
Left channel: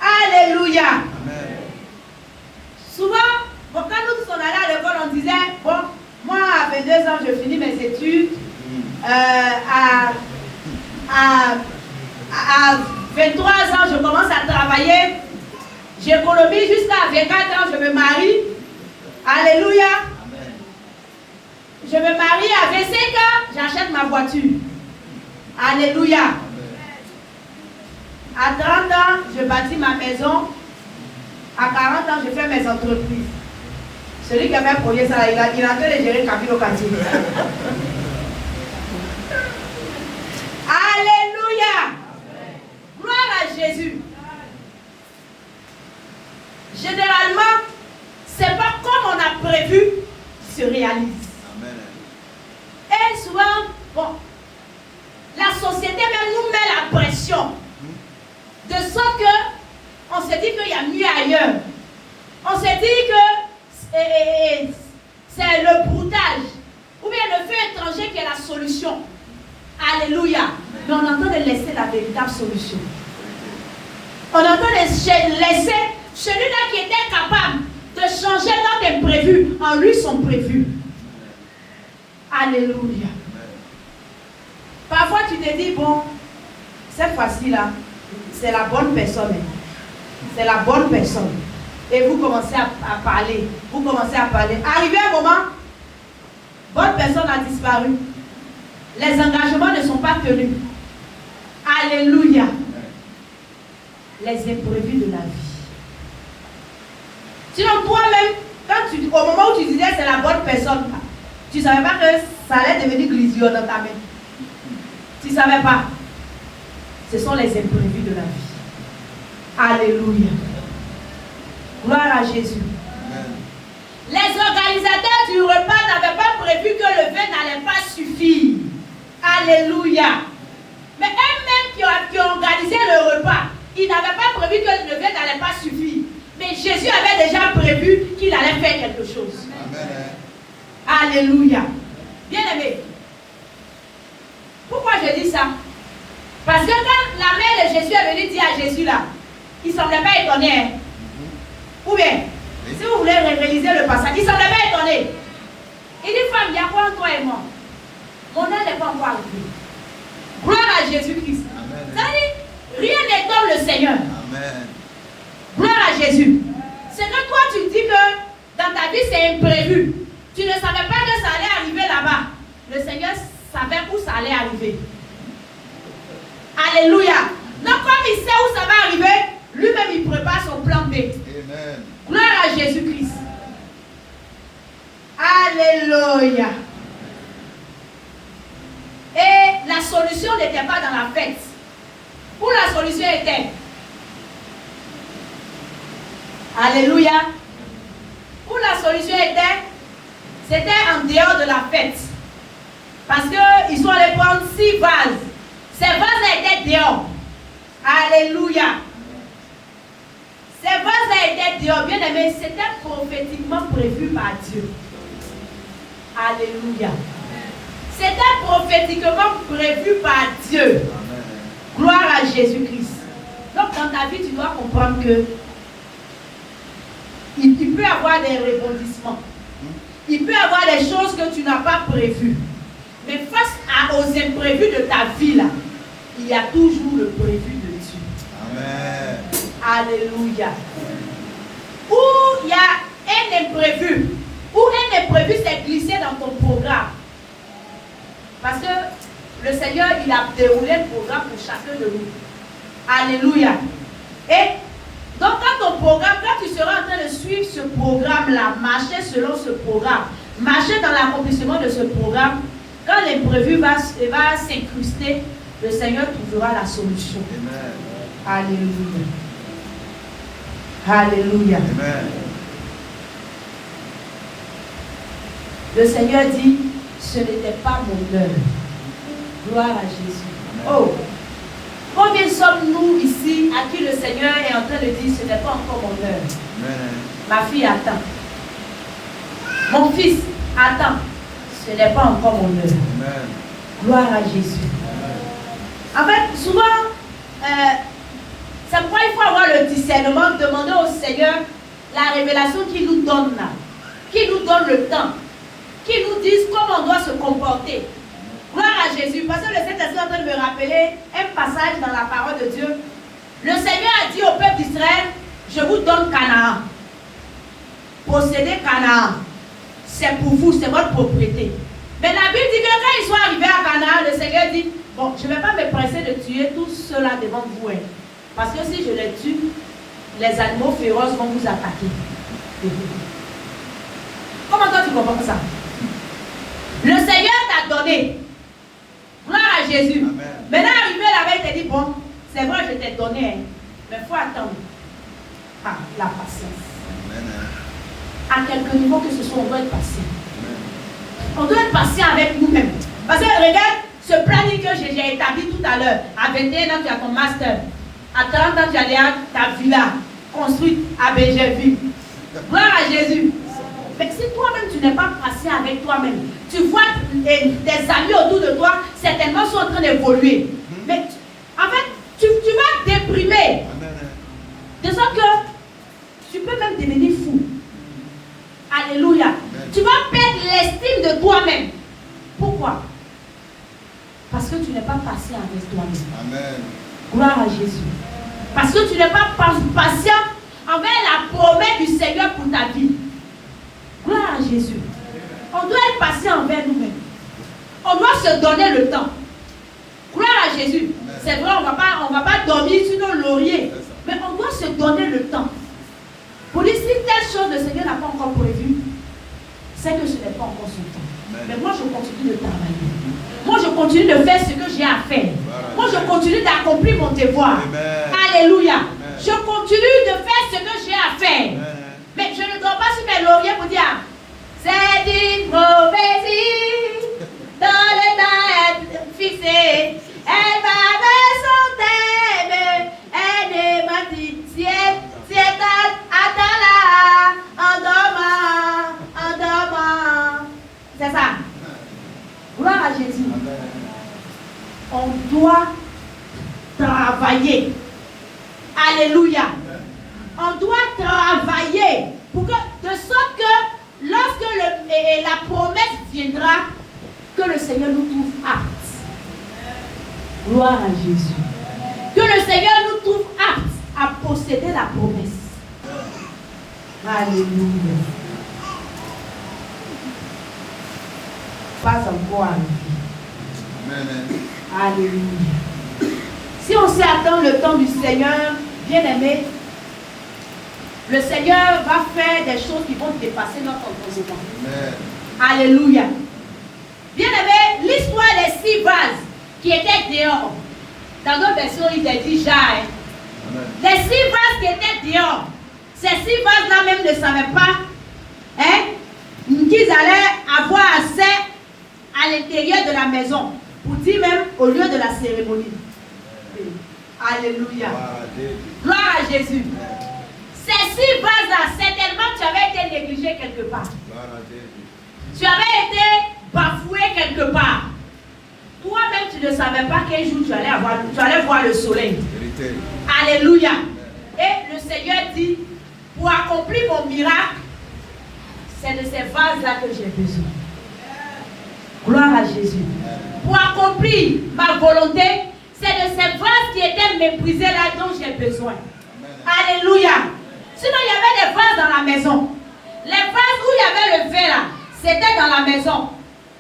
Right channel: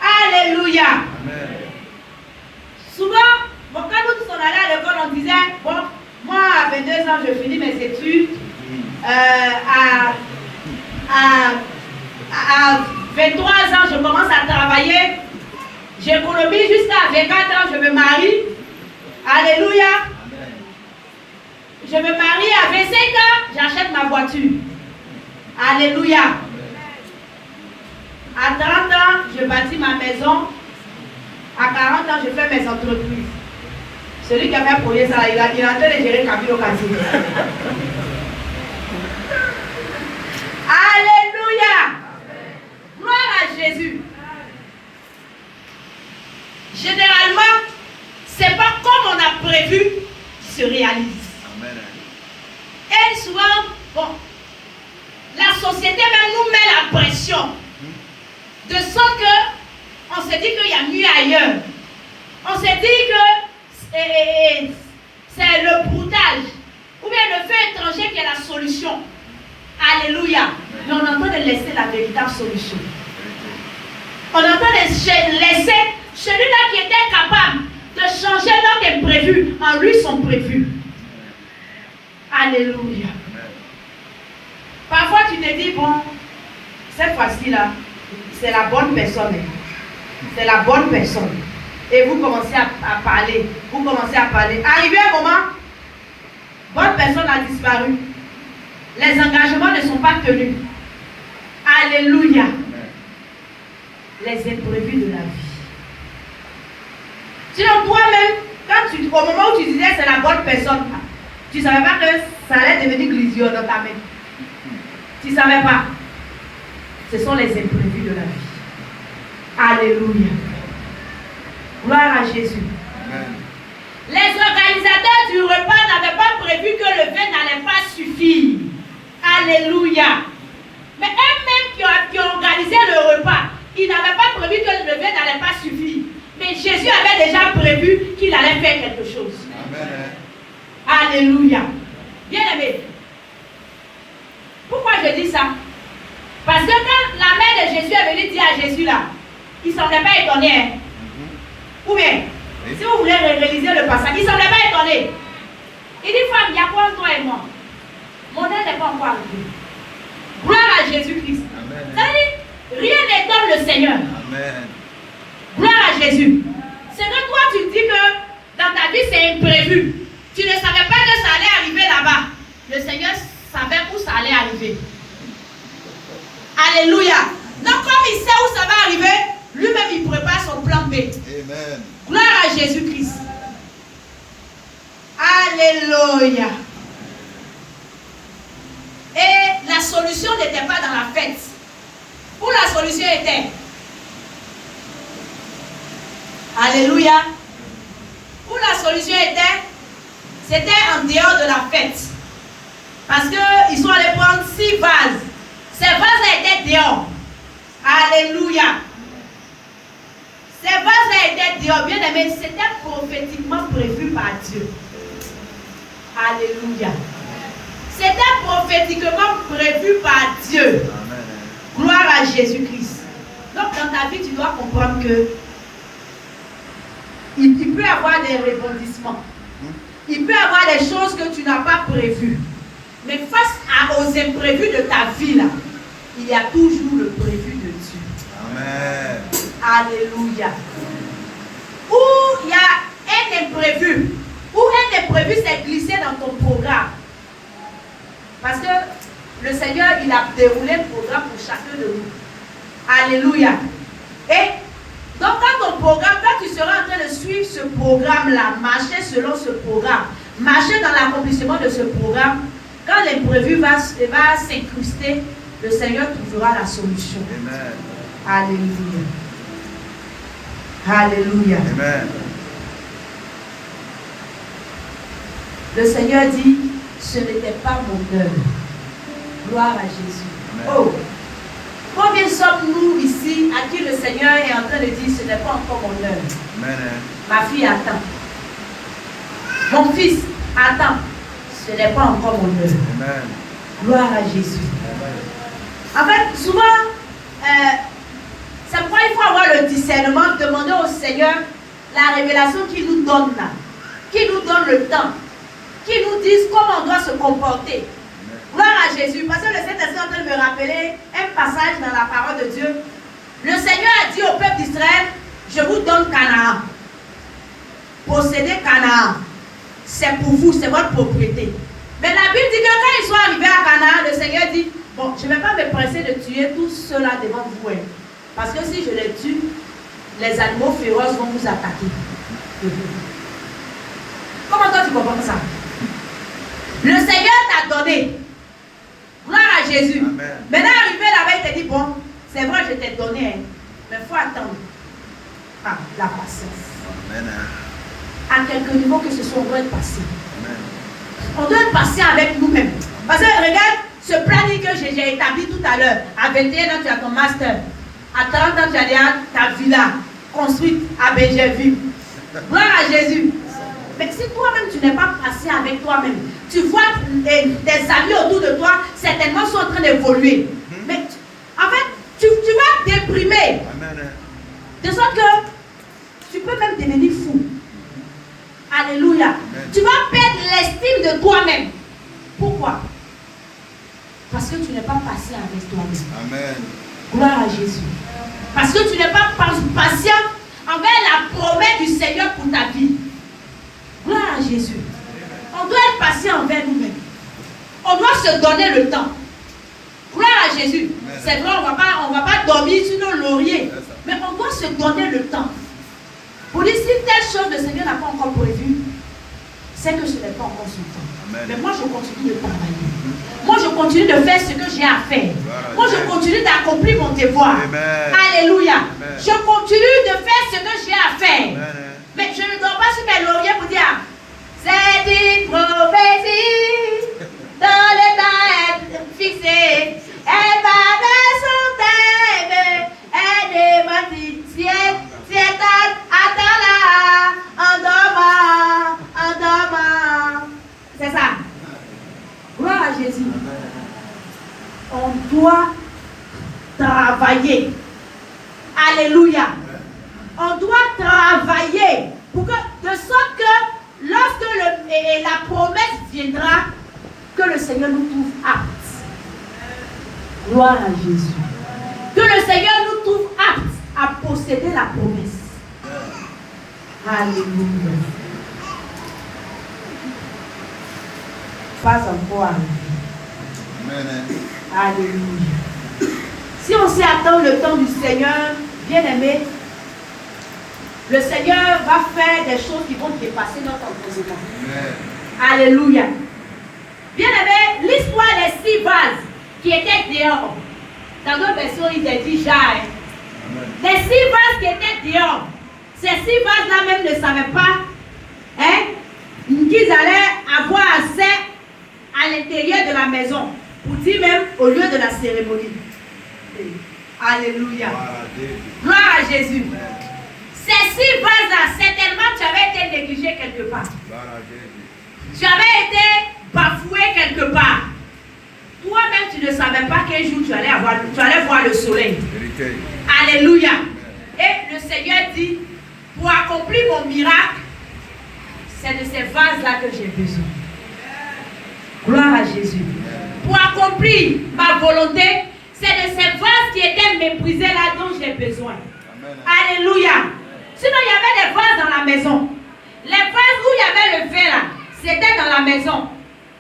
Alléluia. Amen. Souvent, quand nous tous on allait à l'école, on disait, moi à 22 ans, je finis mes études. À 23 ans, je commence à travailler. J'économise jusqu'à 24 ans, je me marie. Alléluia. Je me marie à 25 ans, j'achète ma voiture. Alléluia. À 30 ans, je bâtis ma maison. À 40 ans, je fais mes entreprises. Celui qui a fait premier ça, il est en train de gérer Capilo Quartier. Alléluia. Gloire à Jésus. Généralement, c'est pas comme on a prévu qui se réalise. Amen. Et souvent, la société même nous met la pression. De sorte que on se dit qu'il y a mieux ailleurs. On se dit que c'est le broutage ou bien le feu étranger qui est la solution. Alléluia. Mais on est en train de laisser la véritable solution. On est en train de laisser celui-là qui était capable de changer notre imprévu en lui son prévu. Alléluia. Parfois tu te dis, bon, cette fois-ci là, c'est la bonne personne. C'est la bonne personne. Et vous commencez à parler. Vous commencez à parler. Arrivé un moment, bonne personne a disparu. Les engagements ne sont pas tenus. Alléluia. Les imprévus de la vie. Sinon, toi-même, au moment où tu disais c'est la bonne personne, tu ne savais pas que ça allait devenir glisure dans ta main. Tu ne savais pas. Ce sont les imprévus de la vie. Alléluia. Gloire à Jésus. Amen. Les organisateurs du repas n'avaient pas prévu que le vin n'allait pas suffire. Alléluia. Mais eux-mêmes qui ont organisé le repas, ils n'avaient pas prévu que le vin n'allait pas suffire. Mais Jésus avait déjà prévu qu'il allait faire quelque chose. Amen. Alléluia. Bien aimé. Pourquoi je dis ça? Parce que quand la mère de Jésus est venue dire à Jésus là, il ne semblait pas étonné. Hein? Ou bien, si vous voulez réaliser le passage, il ne semblait pas étonné. Il dit, femme, il y a quoi entre toi et moi? Mon heure n'est pas encore arrivée. Gloire à Jésus-Christ. Ça veut dire, rien n'étonne le Seigneur. Amen. Gloire à Jésus. C'est que toi, tu dis que dans ta vie, c'est imprévu. Tu ne savais pas que ça allait arriver là-bas. Le Seigneur savait où ça allait arriver. Alléluia. Donc comme il sait où ça va arriver, lui-même il prépare son plan B. Amen. Gloire à Jésus-Christ. Alléluia. Et la solution n'était pas dans la fête. Où la solution était? Alléluia. Où la solution était? C'était en dehors de la fête. Parce qu'ils sont allés prendre 6 vases. Ces vases étaient dehors. Alléluia. Ces vases étaient dehors. Bien aimé, c'était prophétiquement prévu par Dieu. Alléluia. C'était prophétiquement prévu par Dieu. Amen. Gloire à Jésus-Christ. Donc dans ta vie, tu dois comprendre que il peut y avoir des rebondissements. Il peut y avoir des choses que tu n'as pas prévues. Mais face aux imprévus de ta vie, là, il y a toujours le prévu de Dieu. Amen. Alléluia. Où il y a un imprévu, où un imprévu s'est glissé dans ton programme. Parce que le Seigneur, il a déroulé le programme pour chacun de nous. Alléluia. Et donc, quand ton programme, quand tu seras en train de suivre ce programme-là, marcher selon ce programme, marcher dans l'accomplissement de ce programme, quand l'imprévu va s'incruster, le Seigneur trouvera la solution. Amen. Alléluia. Alléluia. Amen. Le Seigneur dit, ce n'était pas mon heure. Gloire à Jésus. Amen. Oh, combien sommes-nous ici à qui le Seigneur est en train de dire, ce n'est pas encore mon heure. Amen. Ma fille attend. Mon fils attend. Ce n'est pas encore mon heure. Amen. Gloire à Jésus. En fait, souvent, c'est pourquoi il faut avoir le discernement, demander au Seigneur la révélation qu'il nous donne là, qu'il nous donne le temps, qu'il nous dise comment on doit se comporter. Gloire à Jésus. Parce que le Saint-Esprit est en train de me rappeler un passage dans la parole de Dieu. Le Seigneur a dit au peuple d'Israël, je vous donne Canaan. Possédez Canaan. C'est pour vous, c'est votre propriété. Mais la Bible dit que quand ils sont arrivés à Canaan, le Seigneur dit, bon, je ne vais pas me presser de tuer tous ceux-là devant vous. Hein, parce que si je les tue, les animaux féroces vont vous attaquer. Comment toi tu comprends ça? Le Seigneur t'a donné. Gloire à Jésus. Amen. Maintenant, arrivé là-bas, il te dit, bon, c'est vrai, je t'ai donné, hein, mais il faut attendre. Ah, la patience. Amen. À quelque niveau que ce soit, on doit être patient. Amen. On doit être patient avec nous-mêmes. Parce que regarde, ce planning que j'ai établi tout à l'heure, à 21 ans, tu as ton master. À 30 ans, tu as déjà ta villa construite à Bégerville. Gloire à Jésus. Mais si toi-même, tu n'es pas patient avec toi-même, tu vois tes amis autour de toi, certainement sont en train d'évoluer. Mais en fait, tu vas déprimer. Amen. De sorte que tu peux même devenir fou. Alléluia. Tu vas perdre l'estime de toi-même. Pourquoi? Parce que tu n'es pas patient avec toi-même. Amen. Gloire à Jésus. Parce que tu n'es pas patient envers la promesse du Seigneur pour ta vie. Gloire à Jésus. On doit être patient envers nous-mêmes. On doit se donner le temps. Gloire à Jésus. C'est vrai, on ne va pas dormir sur nos lauriers. Mais on doit se donner le temps. Pour dire si telle chose le Seigneur n'a pas encore prévu, c'est que ce n'est pas encore son temps. Amen. Mais moi je continue de travailler. Moi je continue de faire ce que j'ai à faire. Moi je continue d'accomplir mon devoir. Amen. Alléluia. Amen. Je continue de faire ce que j'ai à faire. Amen. Mais je ne dors pas sur mes lauriers pour dire c'est une prophétie dans le temps fixé. Elle va de son thème. Elle est mentie. C'est attends là. En dormant. C'est ça. Gloire à Jésus. On doit travailler. Alléluia. On doit travailler pour que, de sorte que lorsque la promesse viendra, que le Seigneur nous trouve aptes. Gloire à Jésus. Que le Seigneur nous trouve aptes à posséder la promesse. Alléluia. encore arriver. Amen. Alléluia. Si on s'y attend le temps du Seigneur, bien-aimé, le Seigneur va faire des choses qui vont dépasser notre entendement. Alléluia. Bien-aimé, l'histoire des 6 vases qui étaient dehors, dans notre version, il est dit jarre. Les 6 vases qui étaient dehors, ces 6 vases-là même ne savaient pas qu'ils allaient avoir accès à l'intérieur de la maison, pour dire même au lieu de la cérémonie. Alléluia. Gloire à Jésus. Ces 6 vases-là, certainement tu avais été négligé quelque part. Tu avais été bafoué quelque part. Toi-même, tu ne savais pas qu'un jour tu allais voir le soleil. Alléluia. Et le Seigneur dit, pour accomplir mon miracle, c'est de ces vases-là que j'ai besoin. Gloire à Jésus. Pour accomplir ma volonté, c'est de ces vases qui étaient méprisés là dont j'ai besoin. Alléluia. Sinon, il y avait des vases dans la maison. Les vases où il y avait le vin là, c'était dans la maison.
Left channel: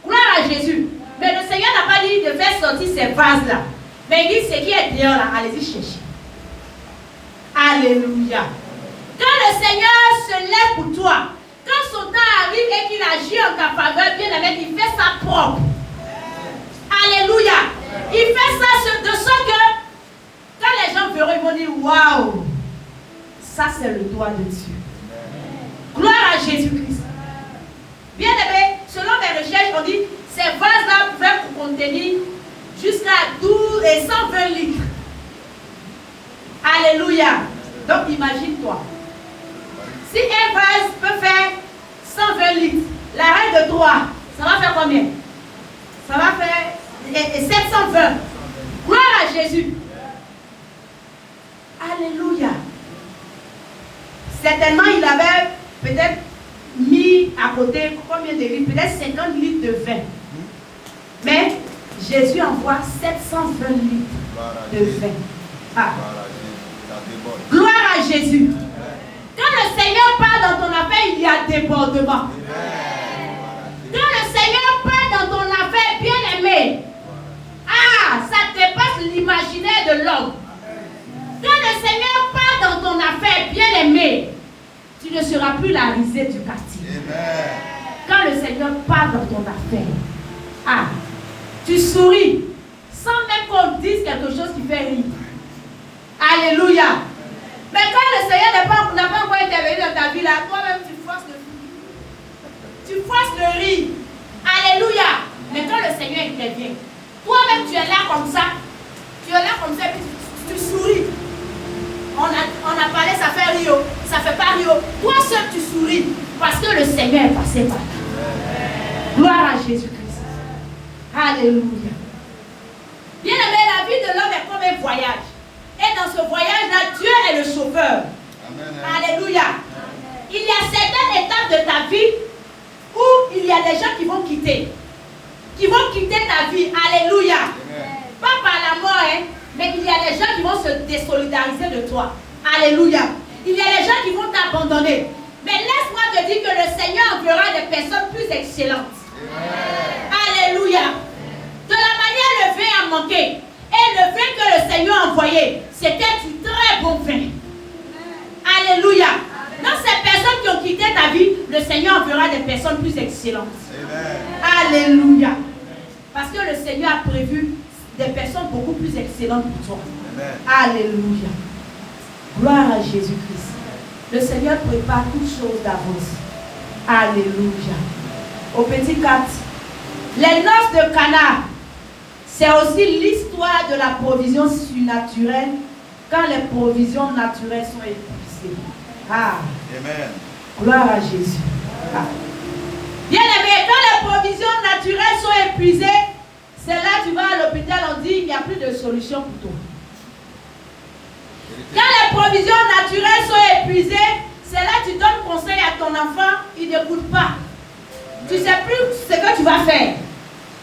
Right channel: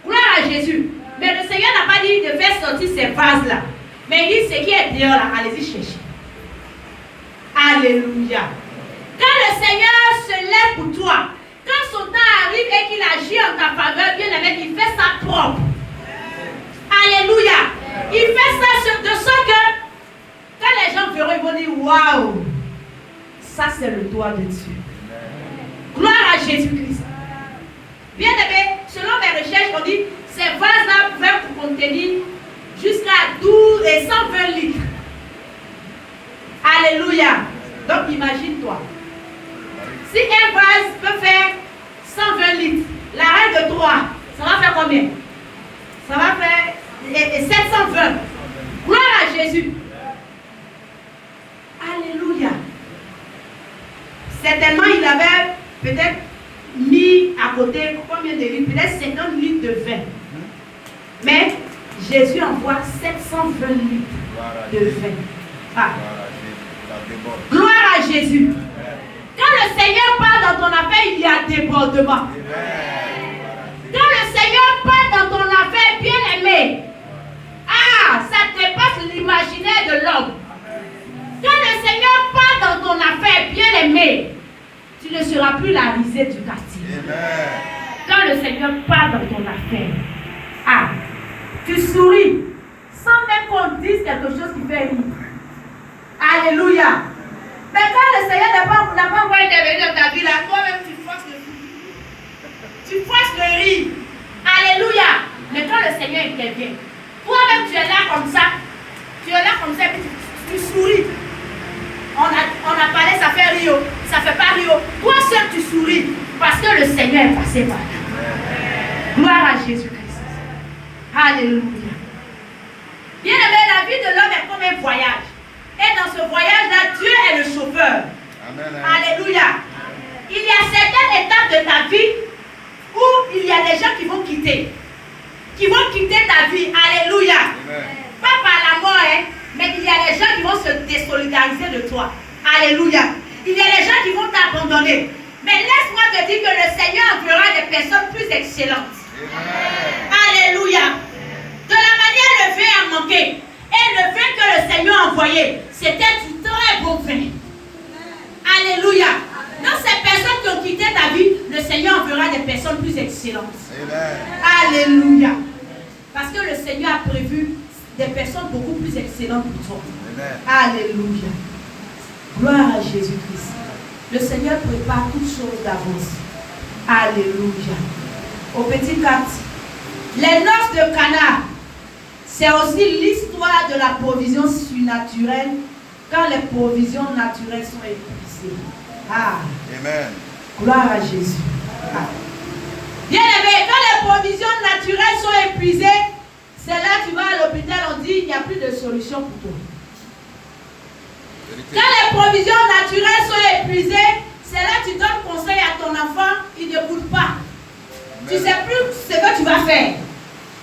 Gloire à Jésus. Mais le Seigneur n'a pas dit de faire sortir ces vases-là. Mais il dit ce qui est dehors là, allez-y chercher. Alléluia. Quand le Seigneur se lève pour toi, quand son temps arrive et qu'il agit en ta faveur, bien aimé, il fait ça propre. Alléluia. Il fait ça de sorte que quand les gens verront, ils vont dire waouh, ça c'est le doigt de Dieu. Gloire à Jésus-Christ. Bien aimé, selon mes recherches, on dit ces vases-là pouvaient contenir jusqu'à 12 et 120 litres. Alléluia. Donc imagine-toi. Si un vase peut faire 120 litres, la règle de 3, ça va faire combien? Ça va faire 720. Gloire à Jésus. Alléluia. Certainement, il avait peut-être mis à côté combien de litres? Peut-être 50 litres de vin. Mais Jésus envoie 720 litres de vin. Ah. Gloire à Jésus. Quand le Seigneur parle dans ton affaire, il y a débordement. Quand le Seigneur parle dans ton affaire, bien aimé, ça dépasse l'imaginaire de l'homme. Quand le Seigneur parle dans ton affaire, bien aimé, tu ne seras plus la risée du quartier. Quand le Seigneur parle dans ton affaire, tu souris sans même qu'on dise quelque chose qui fait rire. Alléluia. Mais quand le Seigneur n'a pas encore intervenu dans ta vie, là, toi-même tu forces le rire. Tu forces le rire. Alléluia. Mais quand le Seigneur intervient, toi-même tu es là comme ça. Tu es là comme ça et puis tu souris. On a parlé, ça fait rire. Ça fait pas rire. Toi seul tu souris parce que le Seigneur est passé par là. Gloire à Jésus-Christ. Alléluia. Bien aimé, la vie de l'homme est comme un voyage. Et dans ce voyage-là, Dieu est le chauffeur. Amen. Alléluia. Il y a certaines étapes de ta vie où il y a des gens qui vont quitter. Qui vont quitter ta vie. Alléluia. Amen. Pas par la mort, mais il y a des gens qui vont se désolidariser de toi. Alléluia. Il y a des gens qui vont t'abandonner. Mais laisse-moi te dire que le Seigneur enverra des personnes plus excellentes. Amen. Alléluia. De la manière le vin a manqué. Et le vin que le Seigneur a envoyé, c'était du très bon vin. Alléluia. Dans ces personnes qui ont quitté ta vie, le Seigneur enverra des personnes plus excellentes. Amen. Alléluia. Parce que le Seigneur a prévu des personnes beaucoup plus excellentes pour toi. Amen. Alléluia. Gloire à Jésus-Christ. Le Seigneur prépare toutes choses d'avance. Alléluia. Au petit 4. Les noces de Cana. C'est aussi l'histoire de la provision surnaturelle quand les provisions naturelles sont épuisées. Amen. Gloire à Jésus. Bien aimé, quand les provisions naturelles sont épuisées, c'est là que tu vas à l'hôpital, on dit il n'y a plus de solution pour toi. Quand les provisions naturelles sont épuisées, c'est là que tu donnes conseil à ton enfant, il n'écoute pas. Tu ne sais plus ce que tu vas faire.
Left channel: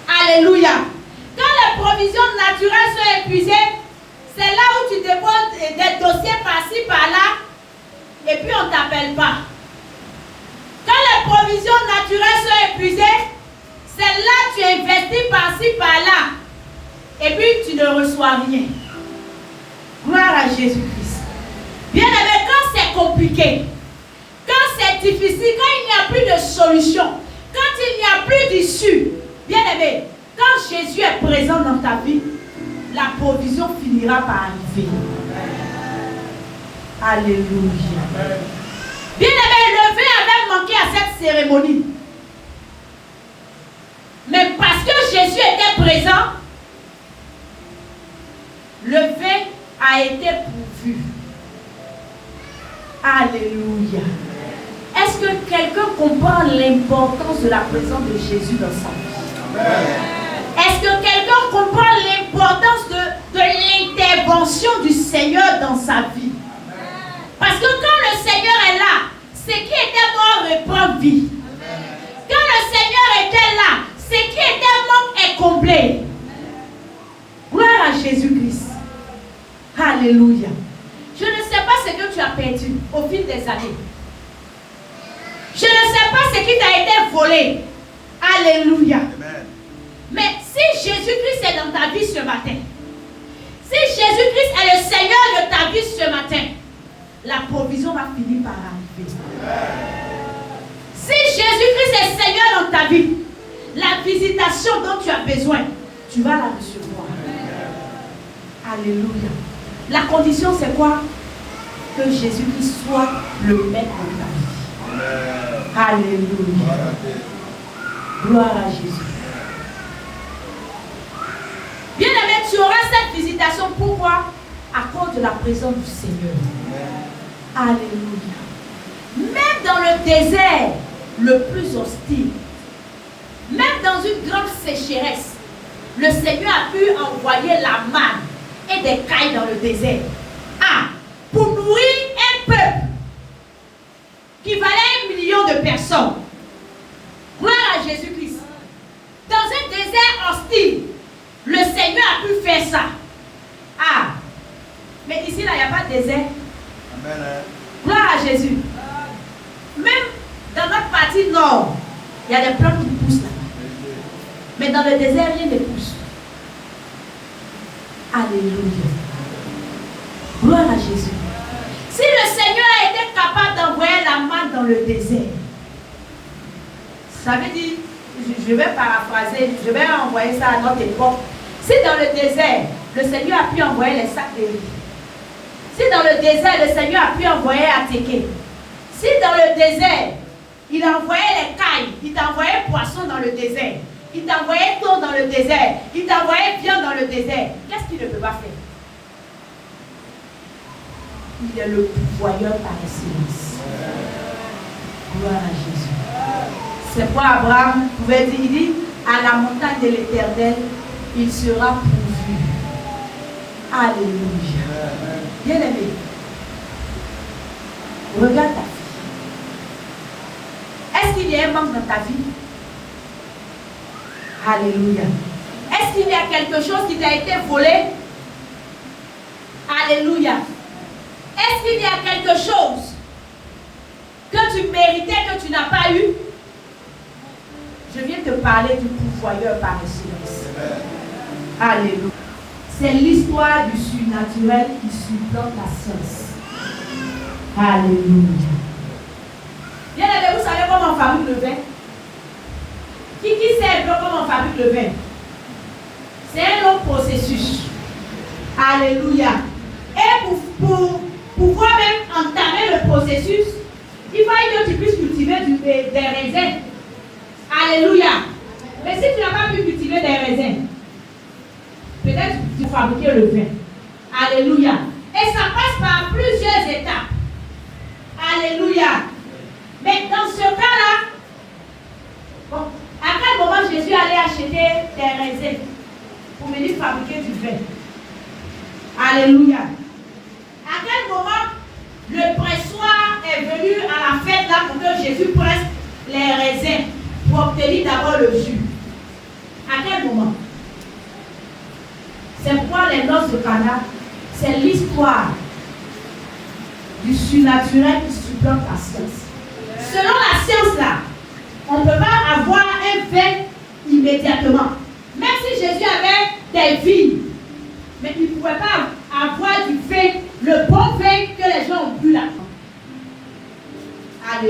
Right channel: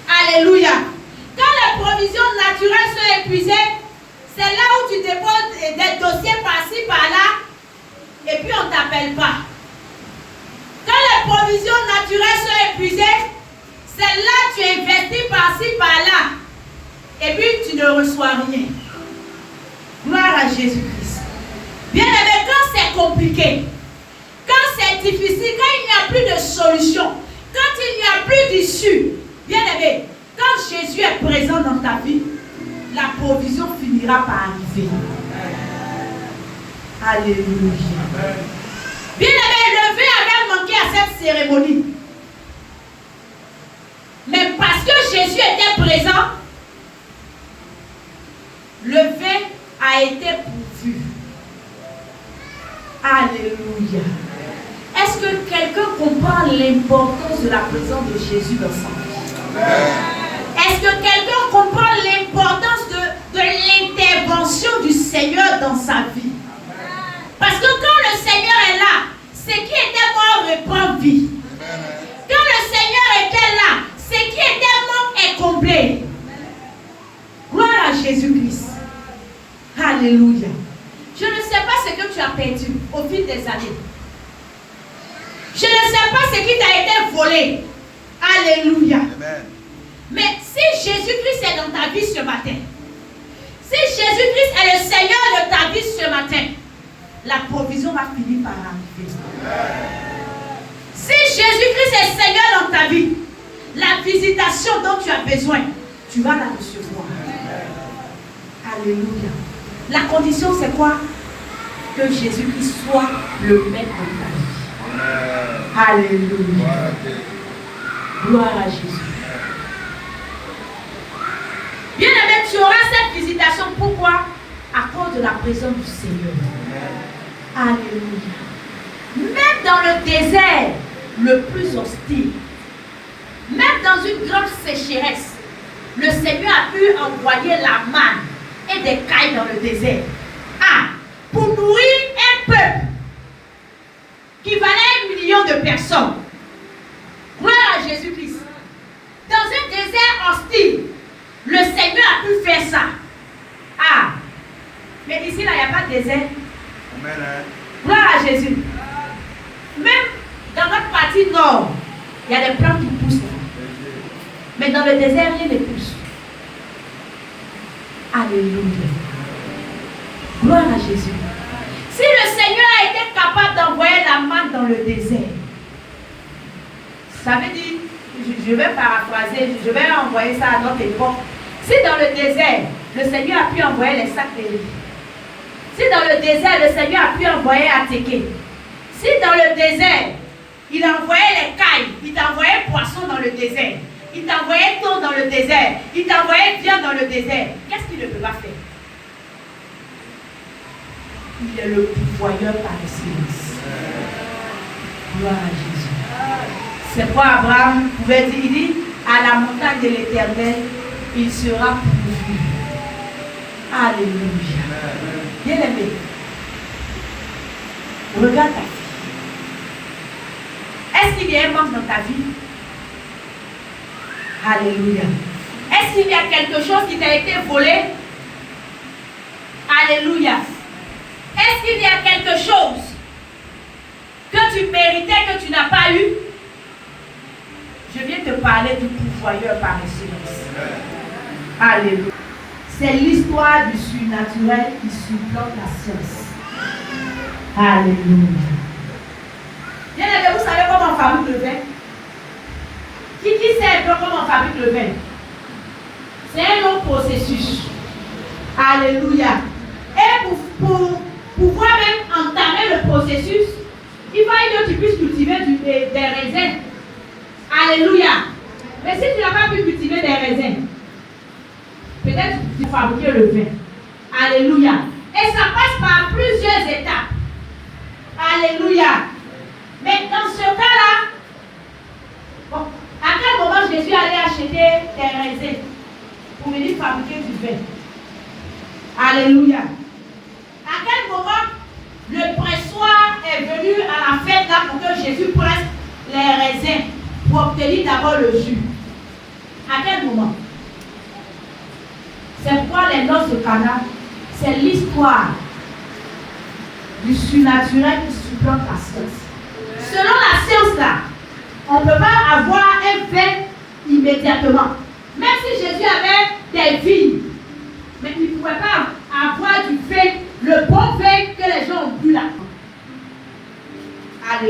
Alléluia. Quand les provisions naturelles sont épuisées, c'est là où tu déposes des dossiers par-ci, par-là, et puis on ne t'appelle pas. Quand les provisions naturelles sont épuisées, c'est là que tu investis investis par-ci, par-là, et puis tu ne reçois rien. Gloire à Jésus-Christ. Bien aimé, quand c'est compliqué, quand c'est difficile, quand il n'y a plus de solution, quand il n'y a plus d'issue, bien aimé, quand Jésus est présent dans ta vie, la provision finira par arriver. Alléluia. Bien aimé, le vin avait manqué à cette cérémonie. Mais parce que Jésus était présent, le vin a été pourvu. Alléluia. Est-ce que quelqu'un comprend l'importance de la présence de Jésus dans sa vie? Est-ce que quelqu'un comprend l'importance de l'intervention du Seigneur dans sa vie? Parce que quand le Seigneur est là, ce qui était mort reprend vie. Quand le Seigneur était là, ce qui était mort est comblé. Gloire à Jésus-Christ. Alléluia. Je ne sais pas ce que tu as perdu au fil des années. Je ne sais pas ce qui t'a été volé. Alléluia. Mais si Jésus-Christ est dans ta vie ce matin, si Jésus-Christ est le Seigneur de ta vie ce matin, la provision va finir par arriver. Si Jésus-Christ est Seigneur dans ta vie, la visitation dont tu as besoin, tu vas la recevoir. Alléluia. La condition c'est quoi? Que Jésus-Christ soit le maître de ta vie. Alléluia. Gloire à Jésus. Bien aimé, tu auras cette visitation. Pourquoi? À cause de la présence du Seigneur. Alléluia. Même dans le désert le plus hostile, même dans une grande sécheresse, le Seigneur a pu envoyer la manne et des cailles dans le désert. Pour nourrir un peuple qui valait 1 million de personnes. Gloire à Jésus-Christ. Dans un désert hostile, le Seigneur a pu faire ça. Mais ici, là, il n'y a pas de désert. Amen. Gloire à Jésus. Même dans notre partie nord, il y a des plantes qui poussent là. Mais dans le désert, rien ne pousse. Alléluia. Gloire à Jésus. Si le Seigneur a été capable d'envoyer la manne dans le désert, ça veut dire, je vais paraphraser, je vais envoyer ça à notre époque. Si dans le désert, le Seigneur a pu envoyer les sacs de riz, si dans le désert, le Seigneur a pu envoyer Atéké, si dans le désert, il a envoyé les cailles, il t'a envoyé poisson dans le désert, il t'a envoyé thon dans le désert, il t'a envoyé viande dans le désert, qu'est-ce qu'il ne peut pas faire? Il est le pourvoyeur par excellence. Gloire à Jésus. C'est quoi Abraham pouvait dire? Il dit, à la montagne de l'Éternel, il sera pourvu. Alléluia. Bien aimé, regarde ta vie. Est-ce qu'il y a un manque dans ta vie? Alléluia. Est-ce qu'il y a quelque chose qui t'a été volé? Alléluia. Est-ce qu'il y a quelque chose que tu méritais, que tu n'as pas eu? Je viens te parler du pourvoyeur par excellence. Alléluia. C'est l'histoire du surnaturel qui supplante la science. Alléluia. Bien aimé, vous savez comment on fabrique le vin? Qui sait un peu comment on fabrique le vin? C'est un long processus. Alléluia. Et pour pouvoir même entamer le processus, il va que tu puisses cultiver des raisins. Alléluia. Mais si tu n'as pas pu cultiver des raisins, peut-être tu fabriques le vin. Alléluia. Et ça passe par plusieurs étapes. Alléluia. Mais dans ce cas-là, bon, à quel moment Jésus allait acheter des raisins pour venir fabriquer du vin? Alléluia. À quel moment le pressoir est venu à la fête là pour que Jésus presse les raisins pour obtenir d'abord le jus? À quel moment? C'est pourquoi les noces de Cana, c'est l'histoire du surnaturel qui supplante la science. Selon la science là, on ne peut pas avoir un vin immédiatement.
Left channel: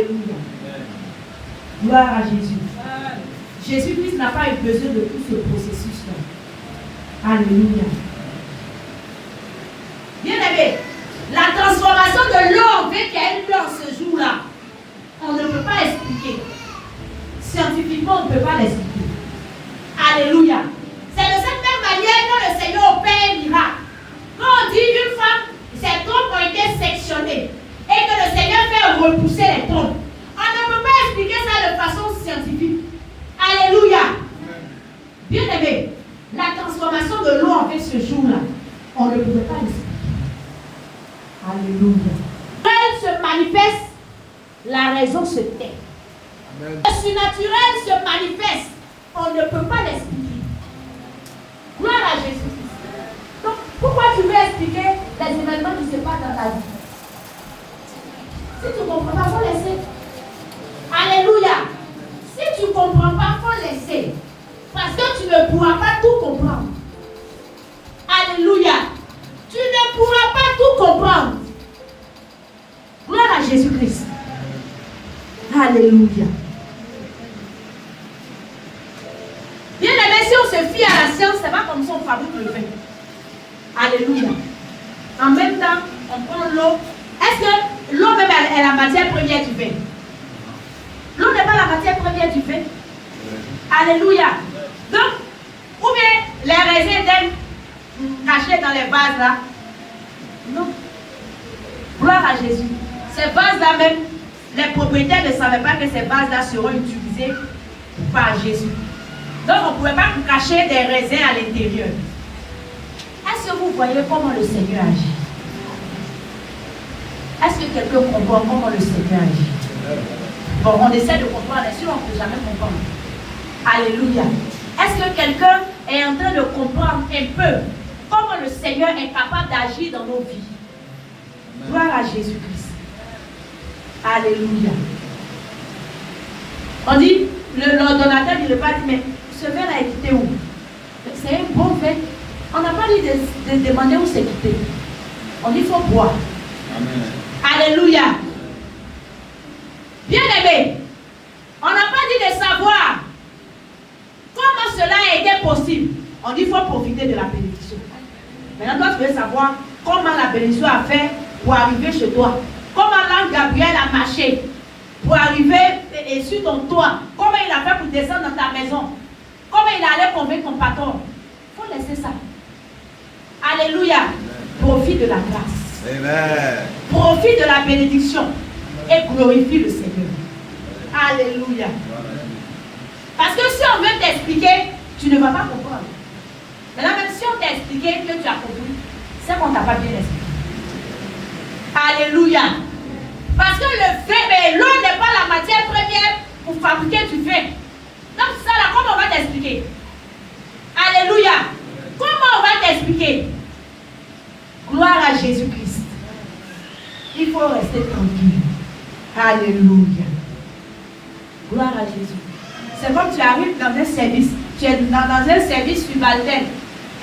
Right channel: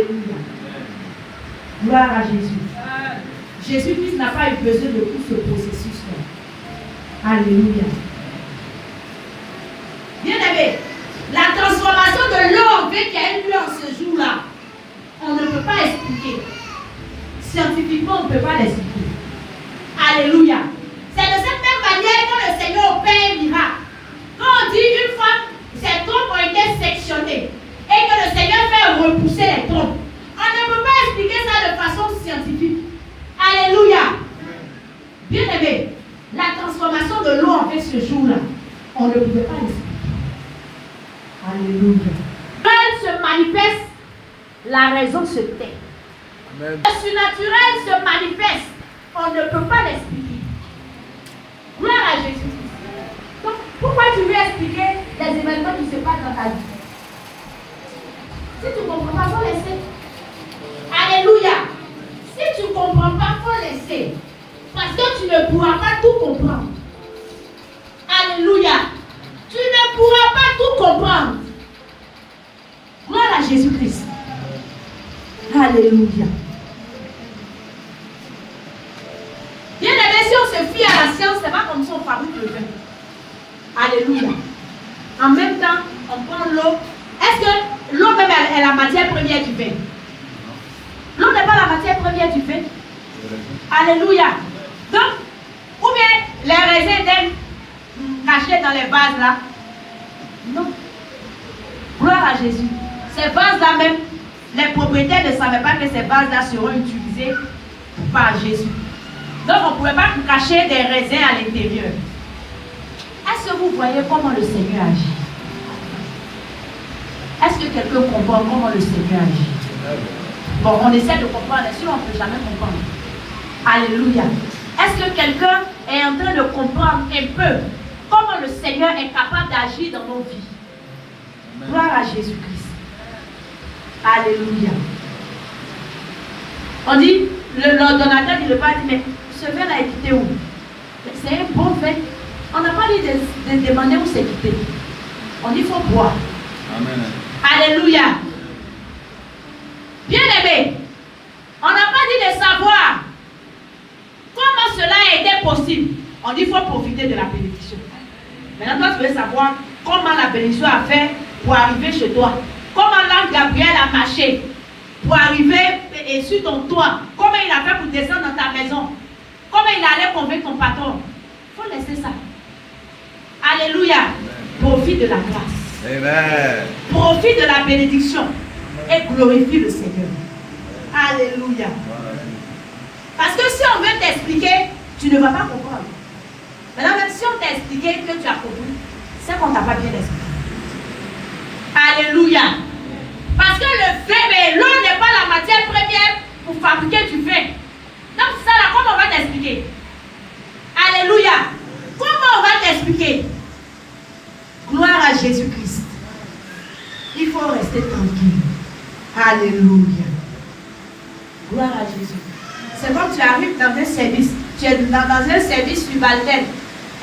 Alléluia. Gloire à Jésus. Jésus-Christ n'a pas eu besoin de tout ce processus-là. Alléluia. Bien-aimé, la transformation de l'eau en vin qui a eu lieu en ce jour-là, on ne peut pas expliquer. Scientifiquement, on ne peut pas l'expliquer. Alléluia. C'est de cette même manière que le Seigneur opère un miracle. Quand on dit qu'une fois, ses trompes ont été sectionnées et que le Seigneur fait repousser les trompes, on ne peut pas expliquer ça de façon scientifique. Alléluia. Bien-aimé, la transformation de l'eau en vin ce jour-là, on ne pouvait pas l'expliquer. Alléluia. Quand elle se manifeste, la raison se tait. Amen. Le surnaturel se manifeste, on ne peut pas l'expliquer. Gloire à Jésus. Donc, pourquoi tu veux expliquer les événements qui se passent dans ta vie? Si tu ne comprends pas, il faut laisser. Alléluia. Si tu ne comprends pas, il faut laisser. Parce que tu ne pourras pas tout comprendre. Alléluia. Tu ne pourras pas tout comprendre. Gloire à Jésus-Christ. Alléluia. Bien aimé, si on se fie à la science, ce n'est pas comme ça on fabrique le vin. Alléluia. En même temps, on prend l'eau. Est-ce que l'eau même est la matière première du vin? L'eau n'est pas la matière première du vin. Alléluia. Donc, ou bien les raisins étaient cachés dans les vases là? Non. Gloire à Jésus. Ces vases là même, les propriétaires ne savaient pas que ces vases là seront utilisés par Jésus. Donc on ne pouvait pas cacher des raisins à l'intérieur. Est-ce que vous voyez comment le Seigneur agit? Est-ce que quelqu'un comprend comment le Seigneur agit? Bon, on essaie de comprendre, sinon on ne peut jamais comprendre. Alléluia. Est-ce que quelqu'un est en train de comprendre un peu comment le Seigneur est capable d'agir dans nos vies? Gloire à Jésus-Christ. Alléluia. On dit, l'ordonnateur ne pas dire, mais ce verre a quitté où? C'est un bon fait. On n'a pas dit de demander où c'est quitté. On dit, il faut boire. Amen. Alléluia. Bien aimé, on n'a pas dit de savoir comment cela a été possible. On dit, il faut profiter de la bénédiction. Maintenant, toi, tu veux savoir comment la bénédiction a fait pour arriver chez toi. Comment l'ange Gabriel a marché pour arriver sur ton toit. Comment il a fait pour descendre dans ta maison. Comment il allait convaincre ton patron. Il faut laisser ça. Alléluia. Profite de la grâce. Amen. Profite de la bénédiction. Et glorifie le Seigneur. Alléluia. Parce que si on veut t'expliquer, tu ne vas pas comprendre. Maintenant, même si on t'a expliqué que tu as compris, c'est qu'on ne t'a pas bien expliqué. Alléluia. Parce que le vin, l'eau n'est pas la matière première pour fabriquer du vin. Donc ça là, comment on va t'expliquer? Alléluia. Comment on va t'expliquer? Gloire à Jésus-Christ. Il faut rester tranquille. Alléluia. Gloire à Jésus. C'est comme tu arrives dans un service. Tu es dans un service subalterne.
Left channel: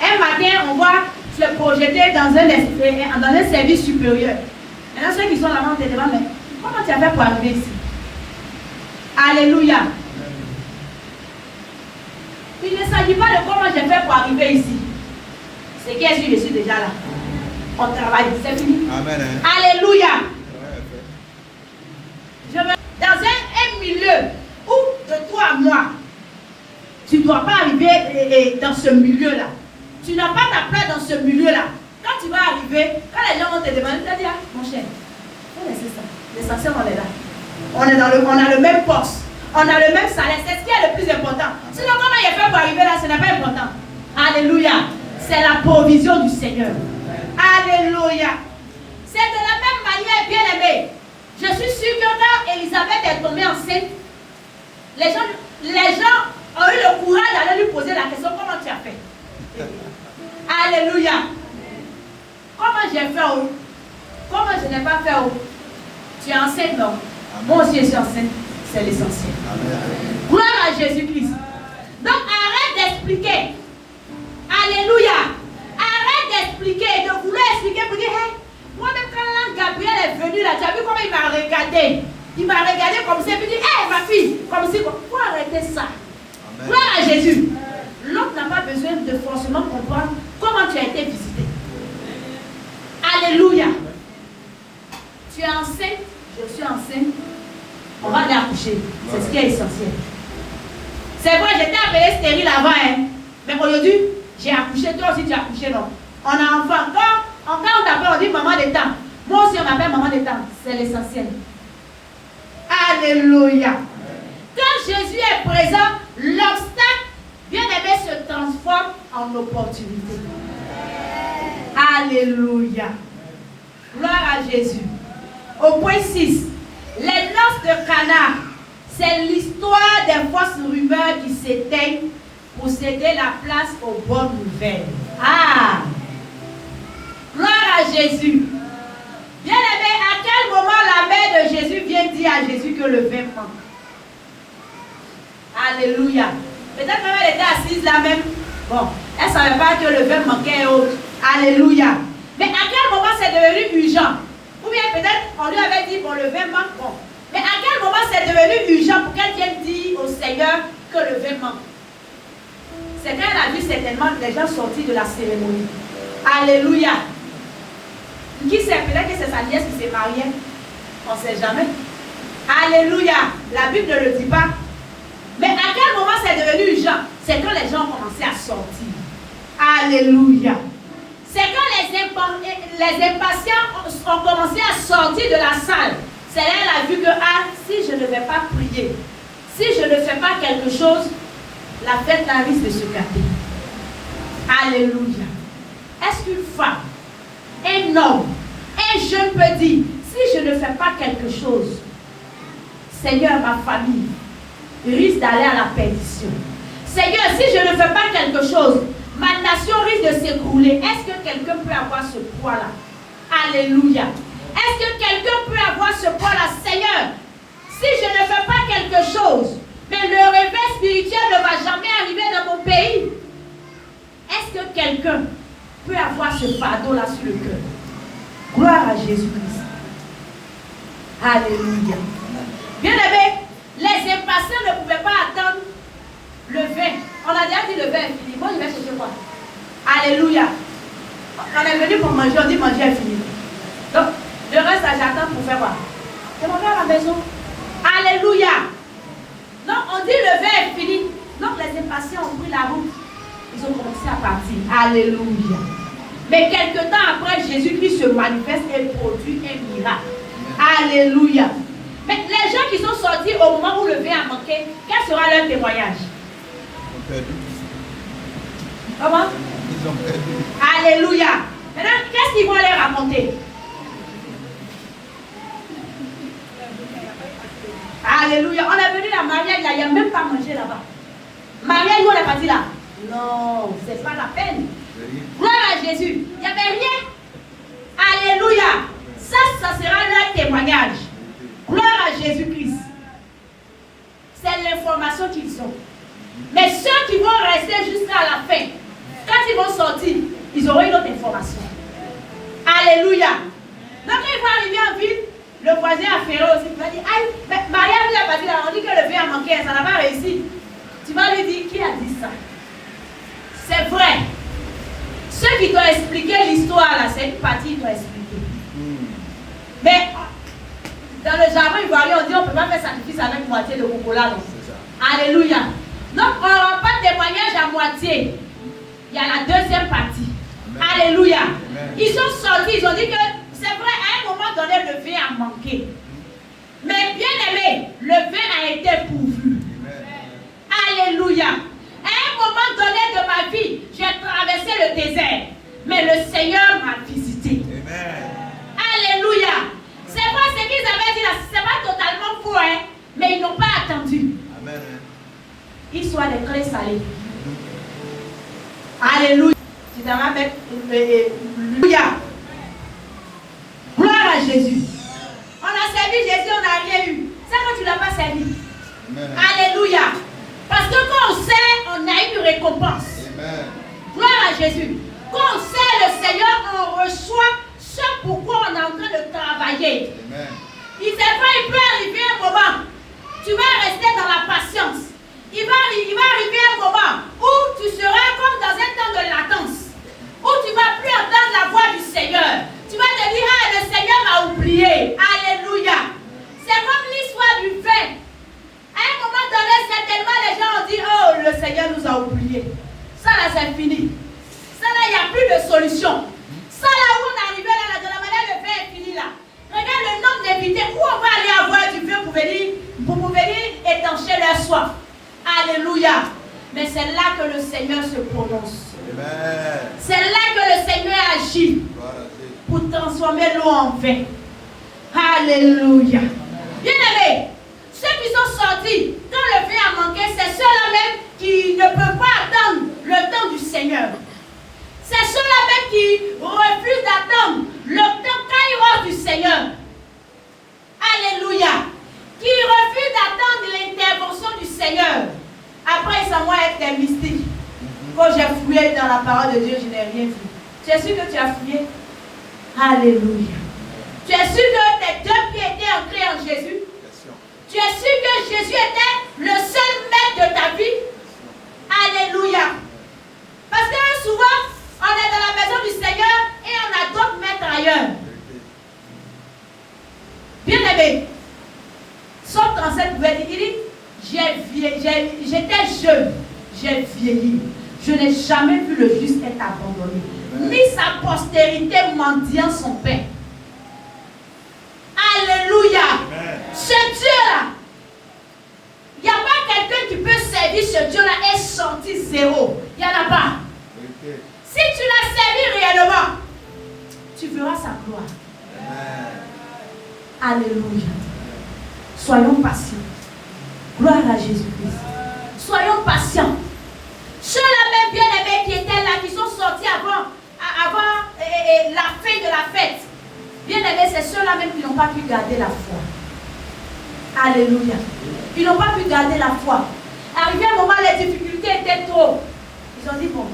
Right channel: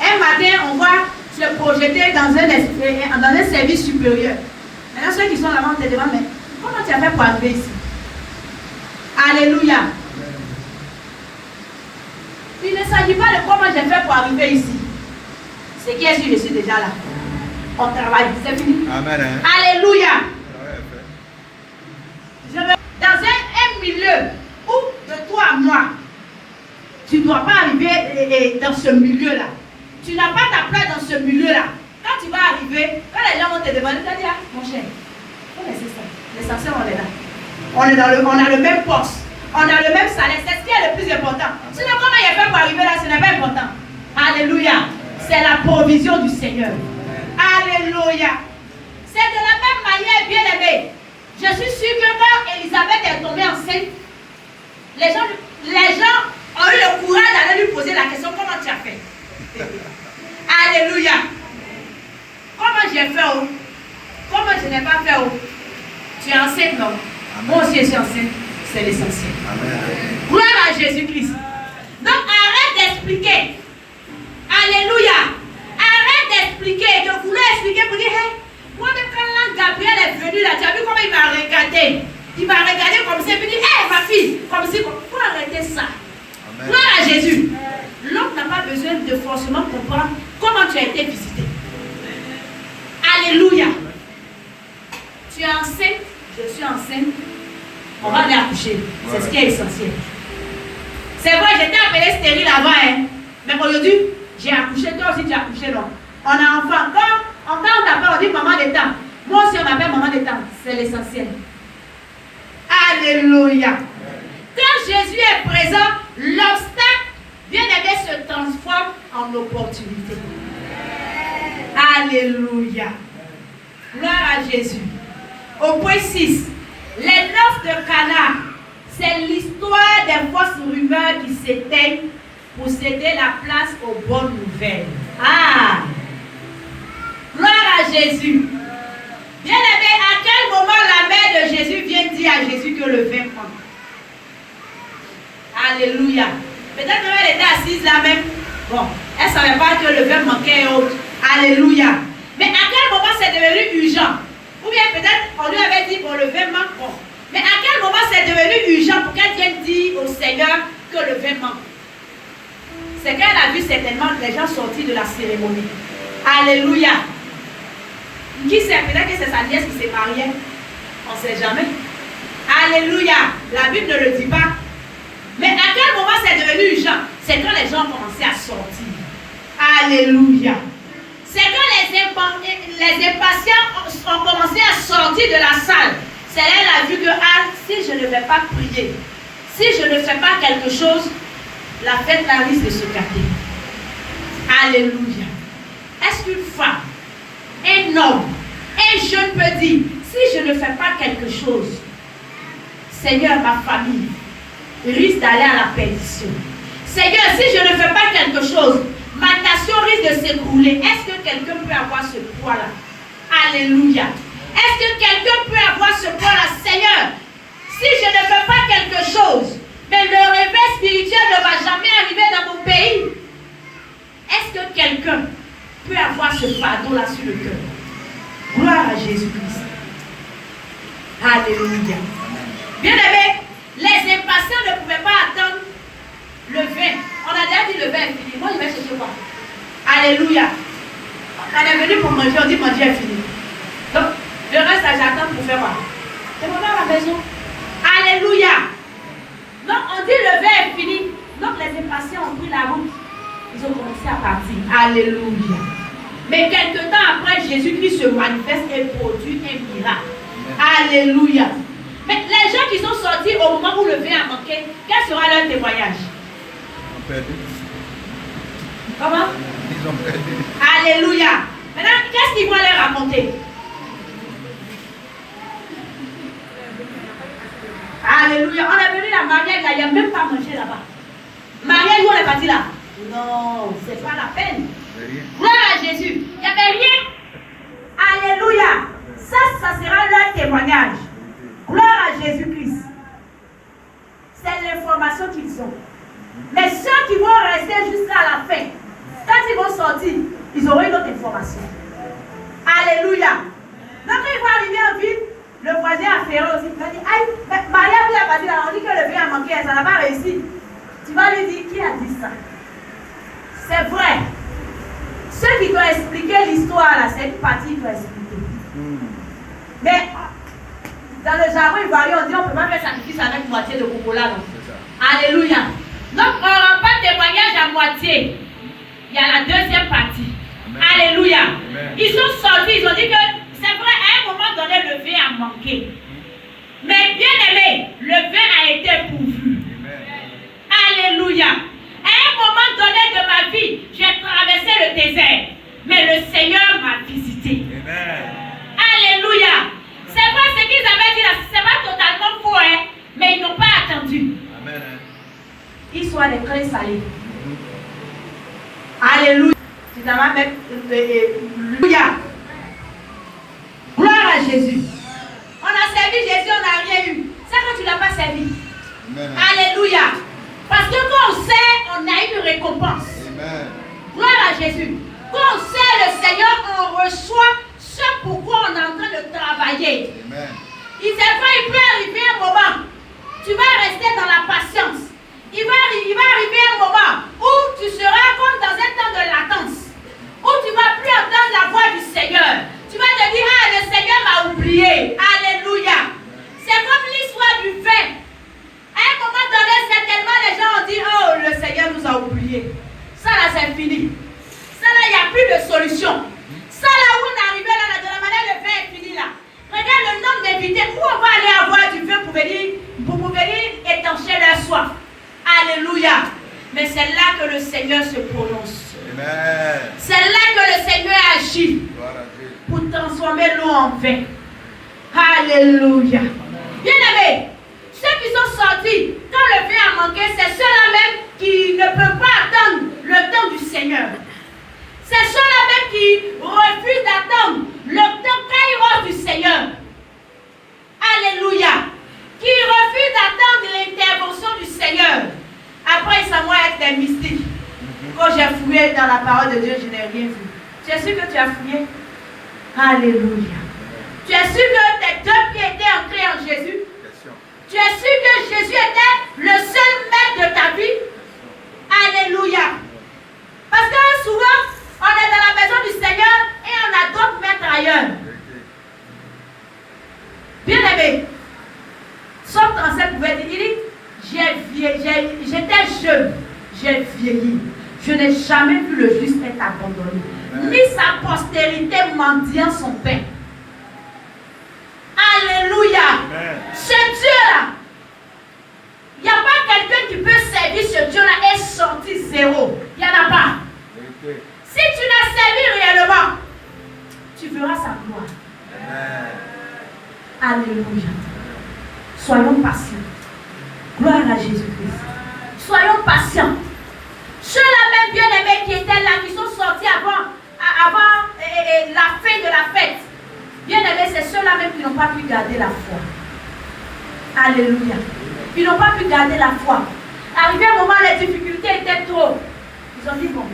Un matin, on va se projeter dans un service supérieur. Maintenant, ceux qui sont là-bas, on te demande, mais comment tu as fait pour arriver ici? Alléluia. Il ne s'agit pas de comment j'ai fait pour arriver ici. C'est qui est-ce que je suis déjà là? On travaille, c'est fini. Amen. Alléluia. Je veux dans un milieu où de toi à moi, tu ne dois pas arriver dans ce milieu-là. Tu n'as pas ta place dans ce milieu-là. Quand tu vas arriver, quand les gens vont te demander, tu vas dire, mon cher, il faut laisser ça. L'essentiel, on est là. On a le même poste. On a le même salaire. C'est ce qui est le plus important. Sinon, comment il a fait pour arriver là, ce n'est pas important. Alléluia. C'est la provision du Seigneur. Alléluia. C'est de la même manière, bien aimé. Je suis sûre que quand Elisabeth est tombée enceinte, les gens ont eu le courage d'aller lui poser la question, comment tu as fait? Alléluia. Comment j'ai fait? Comment je n'ai pas fait? Tu es enceinte, non? Moi aussi je suis enceinte. C'est l'essentiel. Gloire à Jésus-Christ. Donc arrête d'expliquer. Alléluia. Arrête d'expliquer, de vouloir expliquer pour dire, hey, moi-même quand l'ange Gabriel est venu là, tu as vu comment il m'a regardé? Il m'a regardé comme ça et puis dit, hé ma fille, comme si, faut arrêter ça. Amen. Gloire à Jésus. L'homme n'a pas besoin de forcément comprendre comment tu as été visité. Alléluia. Tu es enceinte, je suis enceinte. On va aller accoucher. C'est ce qui est essentiel. C'est vrai, j'étais appelée stérile avant, hein. Mais aujourd'hui, j'ai accouché, toi aussi tu as accouché, non. On a enfant. Quand on t'appelle, on dit maman des temps. Moi aussi, on m'appelle maman des temps. C'est l'essentiel. Alléluia. Quand Jésus est présent, l'obstacle, bien aimé, se transforme en opportunité. Alléluia. Gloire à Jésus. Au point 6, les noces de Cana, c'est l'histoire des fausses rumeurs qui s'éteignent pour céder la place aux bonnes nouvelles. Ah! Gloire à Jésus. Bien aimé, à quel moment la mère de Jésus vient dire à Jésus que le vin manque? Alléluia. Peut-être qu'elle était assise là même. Bon, elle ne savait pas que le vin manquait et autres. Alléluia. Mais à quel moment c'est devenu urgent? Ou bien peut-être on lui avait dit, bon, le vin manque. Bon. Mais à quel moment c'est devenu urgent pour qu'elle vienne dire au Seigneur que le vin manque? C'est qu'elle a vu certainement les gens sortis de la cérémonie. Alléluia. Qui sait? Peut-être que c'est sa nièce qui s'est mariée. On ne sait jamais. Alléluia. La Bible ne le dit pas. Mais à quel moment c'est devenu urgent? C'est quand les gens ont commencé à sortir. Alléluia. C'est quand les impatients ont commencé à sortir de la salle. C'est là qu'elle a vu que, ah, si je ne vais pas prier, si je ne fais pas quelque chose, la fête là risque de se gâter. Alléluia. Est-ce qu'une femme, un homme, un jeune peut dire, si je ne fais pas quelque chose, Seigneur, ma famille risque d'aller à la perdition. Seigneur, si je ne fais pas quelque chose, ma nation risque de s'écrouler. Est-ce que quelqu'un peut avoir ce poids-là? Alléluia. Est-ce que quelqu'un peut avoir ce poids-là? Seigneur, si je ne fais pas quelque chose, mais le réveil spirituel ne va jamais arriver dans mon pays. Est-ce que quelqu'un peut avoir ce fardeau-là sur le cœur? Gloire à Jésus-Christ. Alléluia. Bien aimé, les impatients ne pouvaient pas attendre le vin. On a déjà dit le vin est fini. Moi, je vais chercher quoi? Alléluia. On est venu pour manger, on dit manger est fini. Donc, je reste à j'attends pour faire quoi? C'est mon à la maison. Alléluia. Donc, on dit le vin est fini. Donc, les impatients ont pris la route. Ils ont commencé à partir. Alléluia. Mais quelque temps après, Jésus-Christ se manifeste et produit un miracle. Alléluia. Mais les gens qui sont sortis au moment où le vin a manqué, quel sera leur témoignage? Ils ont perdu. Comment? Ils ont perdu. Alléluia. Maintenant, qu'est-ce qu'ils vont leur raconter? Alléluia. On est venu à Marielle, là, il n'y a même pas mangé là-bas. Marielle, où on est parti là? Non, ce n'est pas la peine. Gloire à Jésus. Il n'y avait rien. Alléluia. Ça sera leur témoignage. Gloire à Jésus-Christ. C'est l'information qu'ils ont. Mais ceux qui vont rester jusqu'à la fin, quand ils vont sortir, ils auront une autre information. Alléluia. Donc quand ils vont arriver en ville, le voisin a ferré aussi. Il va dire, aïe, Maria a parti là, on dit que le vin a manqué, ça n'a pas réussi. Tu vas lui dire, qui a dit ça? C'est vrai. Ceux qui doivent expliquer l'histoire là, c'est une partie qui doit expliquer. Mais dans le jargon ivoirien, on dit on ne peut pas faire sacrifice avec moitié de cocola. Alléluia. Donc on n'aura pas de témoignage à moitié. Il y a la deuxième partie. Amen. Alléluia. Amen. Ils sont sortis, ils ont dit que c'est vrai, à un moment donné, le vin a manqué. Mais bien aimé, le vin a été pourvu. Alléluia. À un moment donné de ma vie, j'ai traversé le désert. Mais le Seigneur m'a visité. Amen. Alléluia. C'est vrai ce qu'ils avaient dit là, ce n'est pas totalement faux, hein, mais ils n'ont pas attendu. Amen. Ils sont des clés salées. Alléluia. Tu t'en vas mettre. Alléluia. Gloire à Jésus. On a servi Jésus, on n'a rien eu. C'est quand tu ne l'as pas servi. Amen. Alléluia. Parce que quand on sert, on a une récompense. Amen. Gloire à Jésus. Quand on sert le Seigneur, on reçoit ce pourquoi on est en train de travailler. Amen. Il peut arriver un moment, tu vas rester dans la patience. Il va arriver un moment où tu seras comme dans un temps de latence, où tu ne vas plus entendre la voix du Seigneur. Tu vas te dire, ah, le Seigneur m'a oublié. Alléluia. C'est comme l'histoire du vin. À un moment donné, certainement, les gens ont dit, oh, le Seigneur nous a oubliés. Ça là, c'est fini. Ça là, il n'y a plus de solution. Ça là où on est arrivé là, de la manière, le vin est fini là. Regarde le nombre d'invités. Où on va aller avoir du vin pour venir étancher leur soif. Alléluia. Mais c'est là que le Seigneur se prononce. Amen. C'est là que le Seigneur agit pour transformer l'eau en vin. Alléluia. Bien-aimés, ceux qui sont sortis, quand le vin a manqué, c'est ceux-là même qui ne peuvent pas attendre le temps du Seigneur. C'est ceux-là même qui refusent d'attendre le temps kairos du Seigneur. Alléluia. Qui refusent d'attendre l'intervention du Seigneur. Après, ça va être des mystiques. Quand j'ai fouillé dans la parole de Dieu, je n'ai rien vu. Tu es sûr que tu as fouillé? Alléluia. Tu es sûr que tes deux pieds étaient ancrés en Jésus? Tu es sûr que Jésus était le seul maître de ta vie? Alléluia. Parce que souvent, on est dans la maison du Seigneur et on a d'autres maîtres ailleurs. Bien-aimé, Somme 37 pouvait dire, il dit, j'étais jeune, j'ai vieilli. Je n'ai jamais vu le juste être abandonné. Ni sa postérité mendiant son pain. Alléluia. Ce Dieu-là, il n'y a pas quelqu'un qui peut servir ce Dieu-là et sortir zéro. Il n'y en a pas. Si tu l'as servi réellement, tu verras sa gloire. Alléluia. Soyons patients. Gloire à Jésus-Christ. Soyons patients. Ceux-là même bien-aimés qui étaient là, qui sont sortis avant la fin de la fête. Bien-aimés, c'est ceux-là même qui n'ont pas pu garder la foi. Alléluia. Ils n'ont pas pu garder la foi. Arrivé un moment, les difficultés étaient trop. Ils ont dit, bon,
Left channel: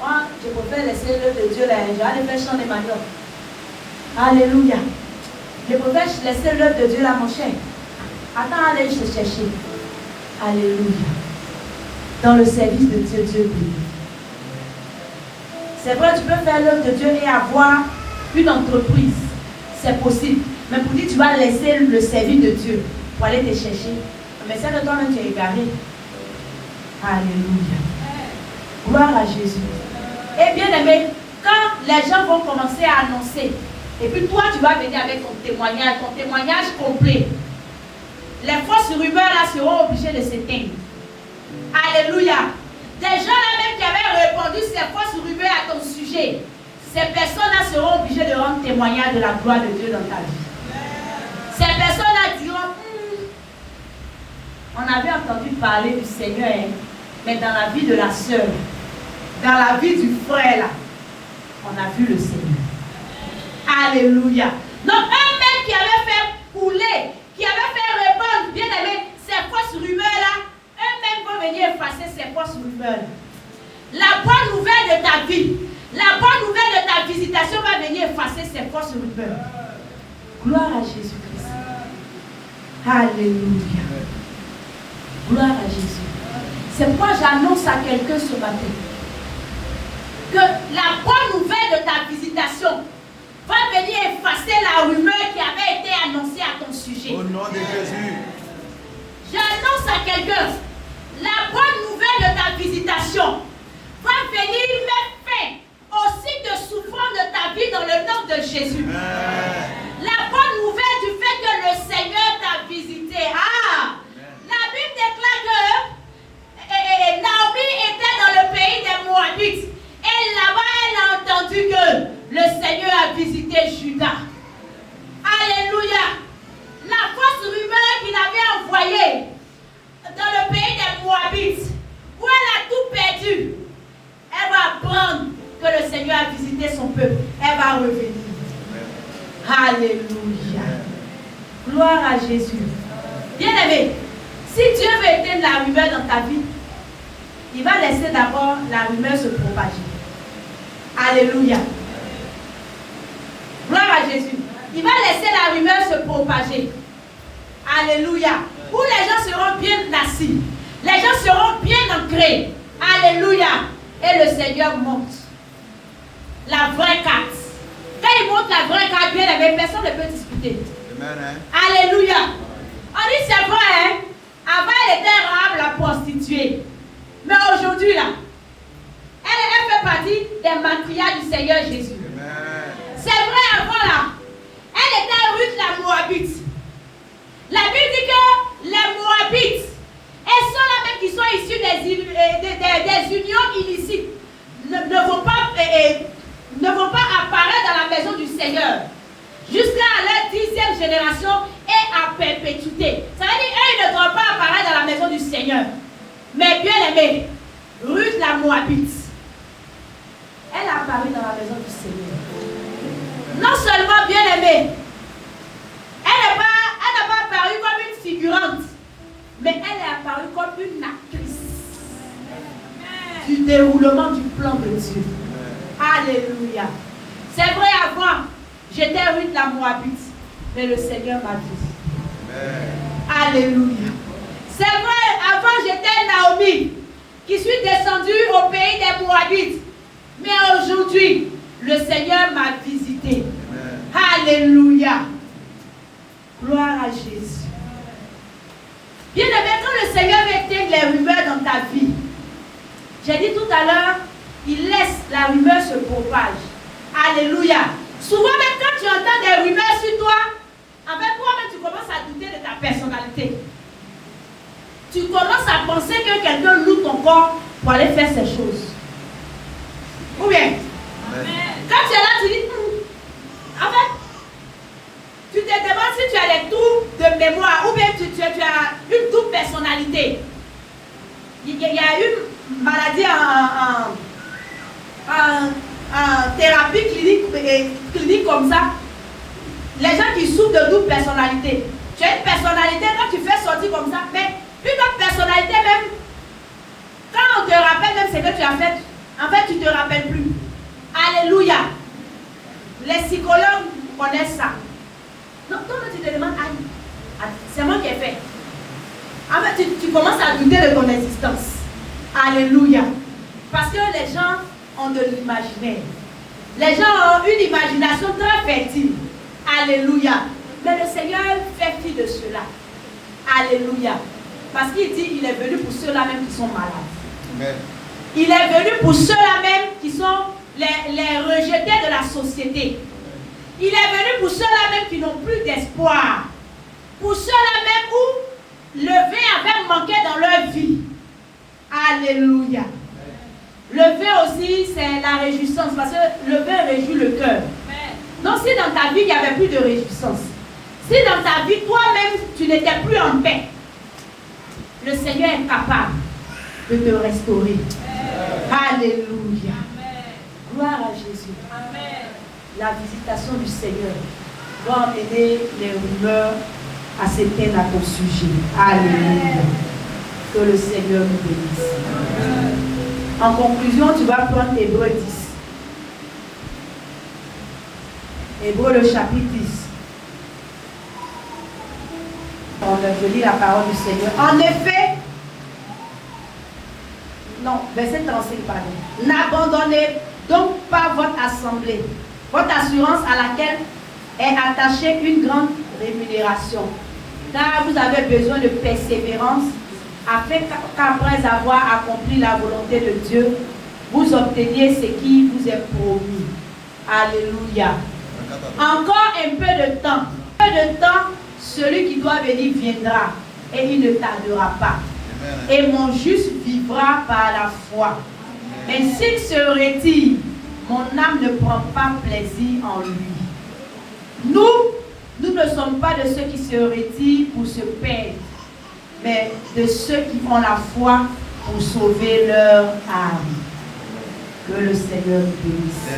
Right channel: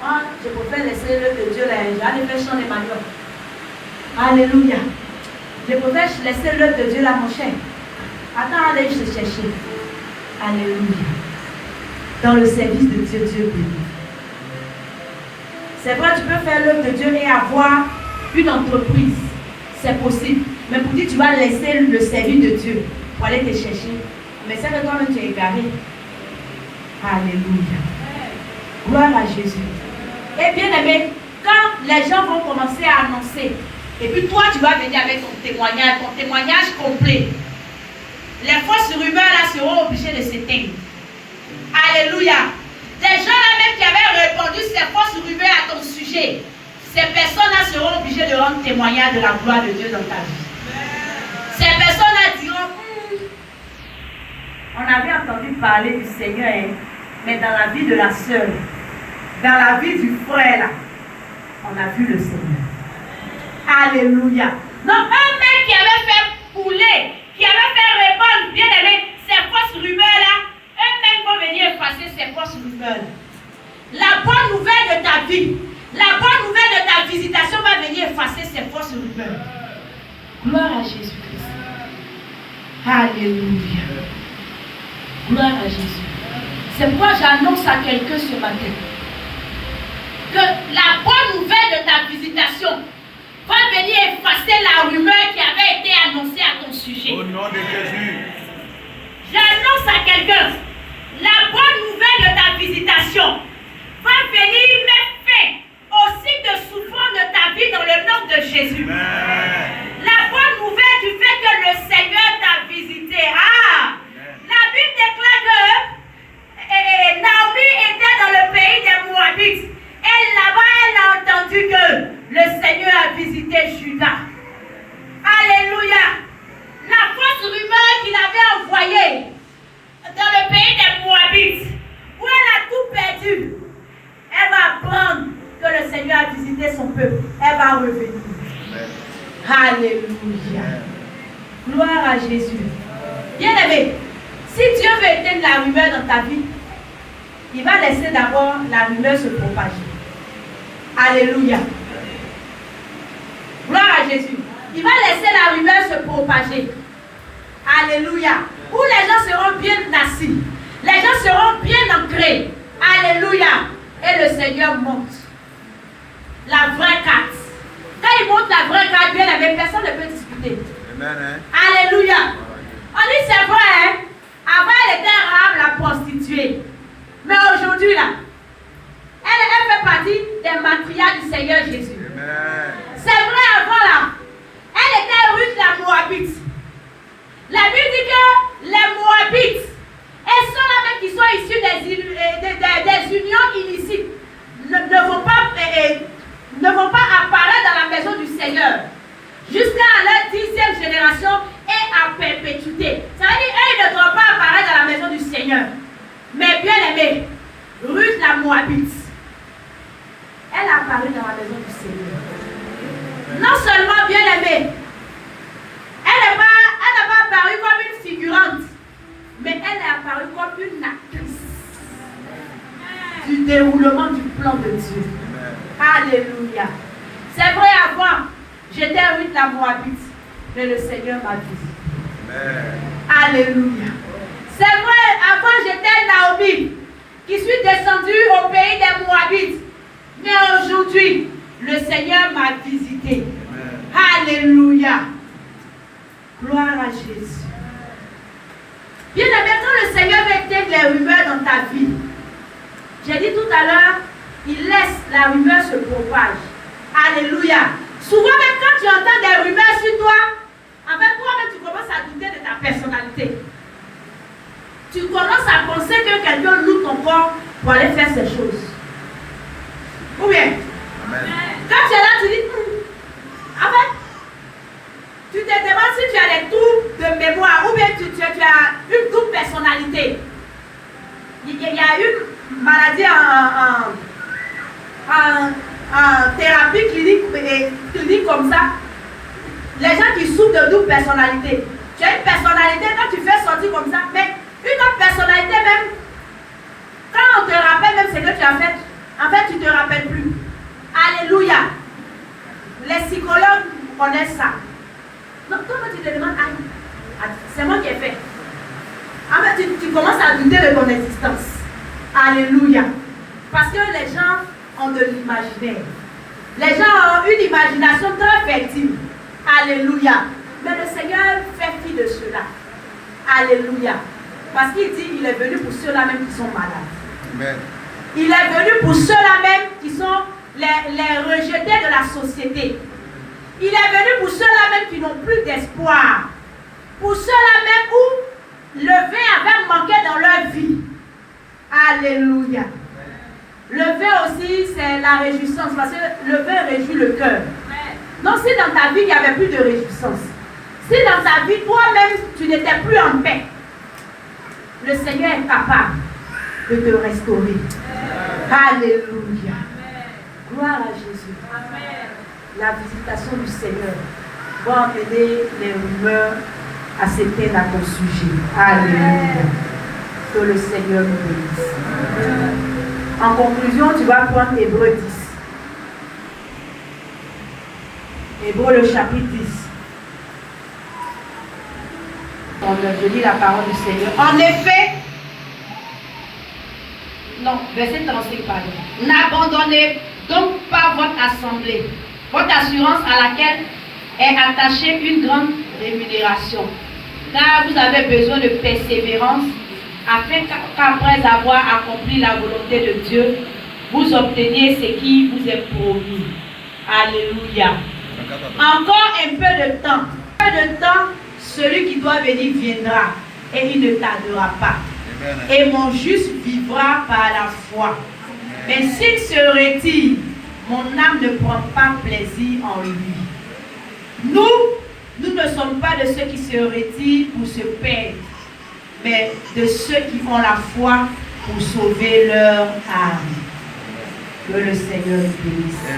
moi, je préfère laisser l'œuvre de Dieu là. J'allais faire chant des maniocs. Alléluia. Je préfère laisser l'œuvre de Dieu là, mon cher. Attends, allez te chercher. Alléluia. Dans le service de Dieu, Dieu béni. C'est vrai, tu peux faire l'œuvre de Dieu et avoir une entreprise. C'est possible. Mais pour dire, tu vas laisser le service de Dieu pour aller te chercher. Mais c'est que toi-même, tu es égaré. Alléluia. Gloire à Jésus. Et bien aimé, quand les gens vont commencer à annoncer, et puis toi, tu vas venir avec ton témoignage complet. Les fausses rumeurs là seront obligées de s'éteindre. Alléluia. Des gens là même qui avaient répondu ces fausses rumeurs à ton sujet, ces personnes là seront obligées de rendre témoignage de la gloire de Dieu dans ta vie. Ces personnes là diront, on avait entendu parler du Seigneur, hein, mais dans la vie de la sœur, dans la vie du frère là, on a vu le Seigneur. Alléluia. Donc un mec qui avait fait couler, qui avait fait répandre, bien aimé, ces fausses rumeurs là, un mec va venir effacer ces fausses rumeurs. La bonne nouvelle de ta vie, la bonne nouvelle de ta visitation va venir effacer ces fausses rumeurs. Gloire à Jésus-Christ. Alléluia. Gloire à Jésus. C'est pourquoi j'annonce à quelqu'un ce matin que la bonne nouvelle de ta visitation va venir effacer la rumeur qui avait été annoncée à ton sujet. Au nom de Jésus. J'annonce à quelqu'un, la bonne nouvelle de ta visitation va venir mettre fin au cycle de souffrance de ta vie dans le nom de Jésus. Amen. La bonne nouvelle du fait que le Seigneur t'a visité. Ah! La Bible déclare que Naomi était dans le pays des Moabites. Et là-bas, elle a entendu que le Seigneur a visité Juda. Alléluia. La fausse rumeur qu'il avait envoyée dans le pays des Moabites, où elle a tout perdu, elle va apprendre que le Seigneur a visité son peuple. Elle va revenir. Alléluia. Gloire à Jésus. Bien-aimé, si Dieu veut éteindre la rumeur dans ta vie, il va laisser d'abord la rumeur se propager. Alléluia. Gloire à Jésus. il va laisser la rumeur se propager. Alléluia. Où les gens seront bien assis. Les gens seront bien ancrés. Alléluia. Et le Seigneur monte la vraie carte. Quand il monte la vraie carte, bien aimé, personne ne peut discuter. Amen. Alléluia. On dit c'est vrai, hein? Avant elle était Rahab la prostituée. Mais aujourd'hui là, elle fait partie des matriarches du Seigneur Jésus. Amen. C'est vrai avant là. Elle était Ruth la Moabite. La Bible dit que les Moabites, et ceux-là même qui sont issus des unions illicites, ne vont pas apparaître dans la maison du Seigneur jusqu'à leur 10e génération et à perpétuité. Ça veut dire qu'ils ne doivent pas apparaître dans la maison du Seigneur. Mais bien aimé, Ruth la Moabite, elle a apparu dans la maison du Seigneur. Non seulement bien aimée, elle n'a pas apparu comme une figurante, mais elle est apparue comme une actrice du déroulement du plan de Dieu. Alléluia. C'est vrai, avant, j'étais Ruth la Moabite, mais le Seigneur m'a dit. Alléluia. C'est vrai, avant, j'étais Naomi, qui suis descendue au pays des Moabites, mais aujourd'hui, le Seigneur m'a visité. Alléluia. Gloire à Jésus. Bien aimé, quand le Seigneur va éteindre les rumeurs dans ta vie, j'ai dit tout à l'heure, il laisse la rumeur se propage. Alléluia. Souvent même quand tu entends des rumeurs sur toi, en fait toi-même tu commences à douter de ta personnalité. Tu commences à penser que quelqu'un loue ton corps pour aller faire ces choses. Ou bien, quand tu es là, tu dis, en fait, tu te demandes si tu as des trous de mémoire ou bien tu as une double personnalité. Il y a une maladie en thérapie clinique comme ça. Les gens qui souffrent de double personnalité. Tu as une personnalité, quand tu fais sortir comme ça, mais une autre personnalité même, quand on te rappelle même ce que tu as fait, en fait tu ne te rappelles plus. Alléluia. Les psychologues connaissent ça. Donc, comment tu te demandes, c'est moi qui ai fait. En fait, tu commences à douter de ton existence. Alléluia. Parce que les gens ont de l'imaginaire. Les gens ont une imagination très fertile. Alléluia. Mais le Seigneur fait fi de cela. Alléluia. Parce qu'il dit qu'il est venu pour ceux-là même qui sont malades. Amen. Il est venu pour ceux-là même qui sont les rejetés de la société. Il est venu pour ceux-là même qui n'ont plus d'espoir. Pour ceux-là même où le vin avait manqué dans leur vie. Alléluia. Le vin aussi, c'est la réjouissance. Parce que le vin réjouit le cœur. Donc si dans ta vie, il n'y avait plus de réjouissance. Si dans ta vie, toi-même, tu n'étais plus en paix. Le Seigneur est capable de te restaurer. Alléluia. Gloire à Jésus. La visitation du Seigneur va amener les rumeurs à s'éteindre à ton sujet. Alléluia. Que le Seigneur nous bénisse. En conclusion, tu vas prendre Hébreux 10. Hébreux le chapitre 10. Je lis la parole du Seigneur. En effet, non, verset 35, pardon. N'abandonnez donc pas votre assemblée, votre assurance à laquelle est attachée une grande rémunération. Car vous avez besoin de persévérance, afin qu'après avoir accompli la volonté de Dieu, vous obteniez ce qui vous est promis. Alléluia. Encore un peu de temps. Un peu de temps, celui qui doit venir viendra et il ne tardera pas. Et mon juste vivra par la foi. Mais s'il se retire, mon âme ne prend pas plaisir en lui. Nous ne sommes pas de ceux qui se retirent pour se perdre, mais de ceux qui ont la foi pour sauver leur âme. Que le Seigneur nous bénisse.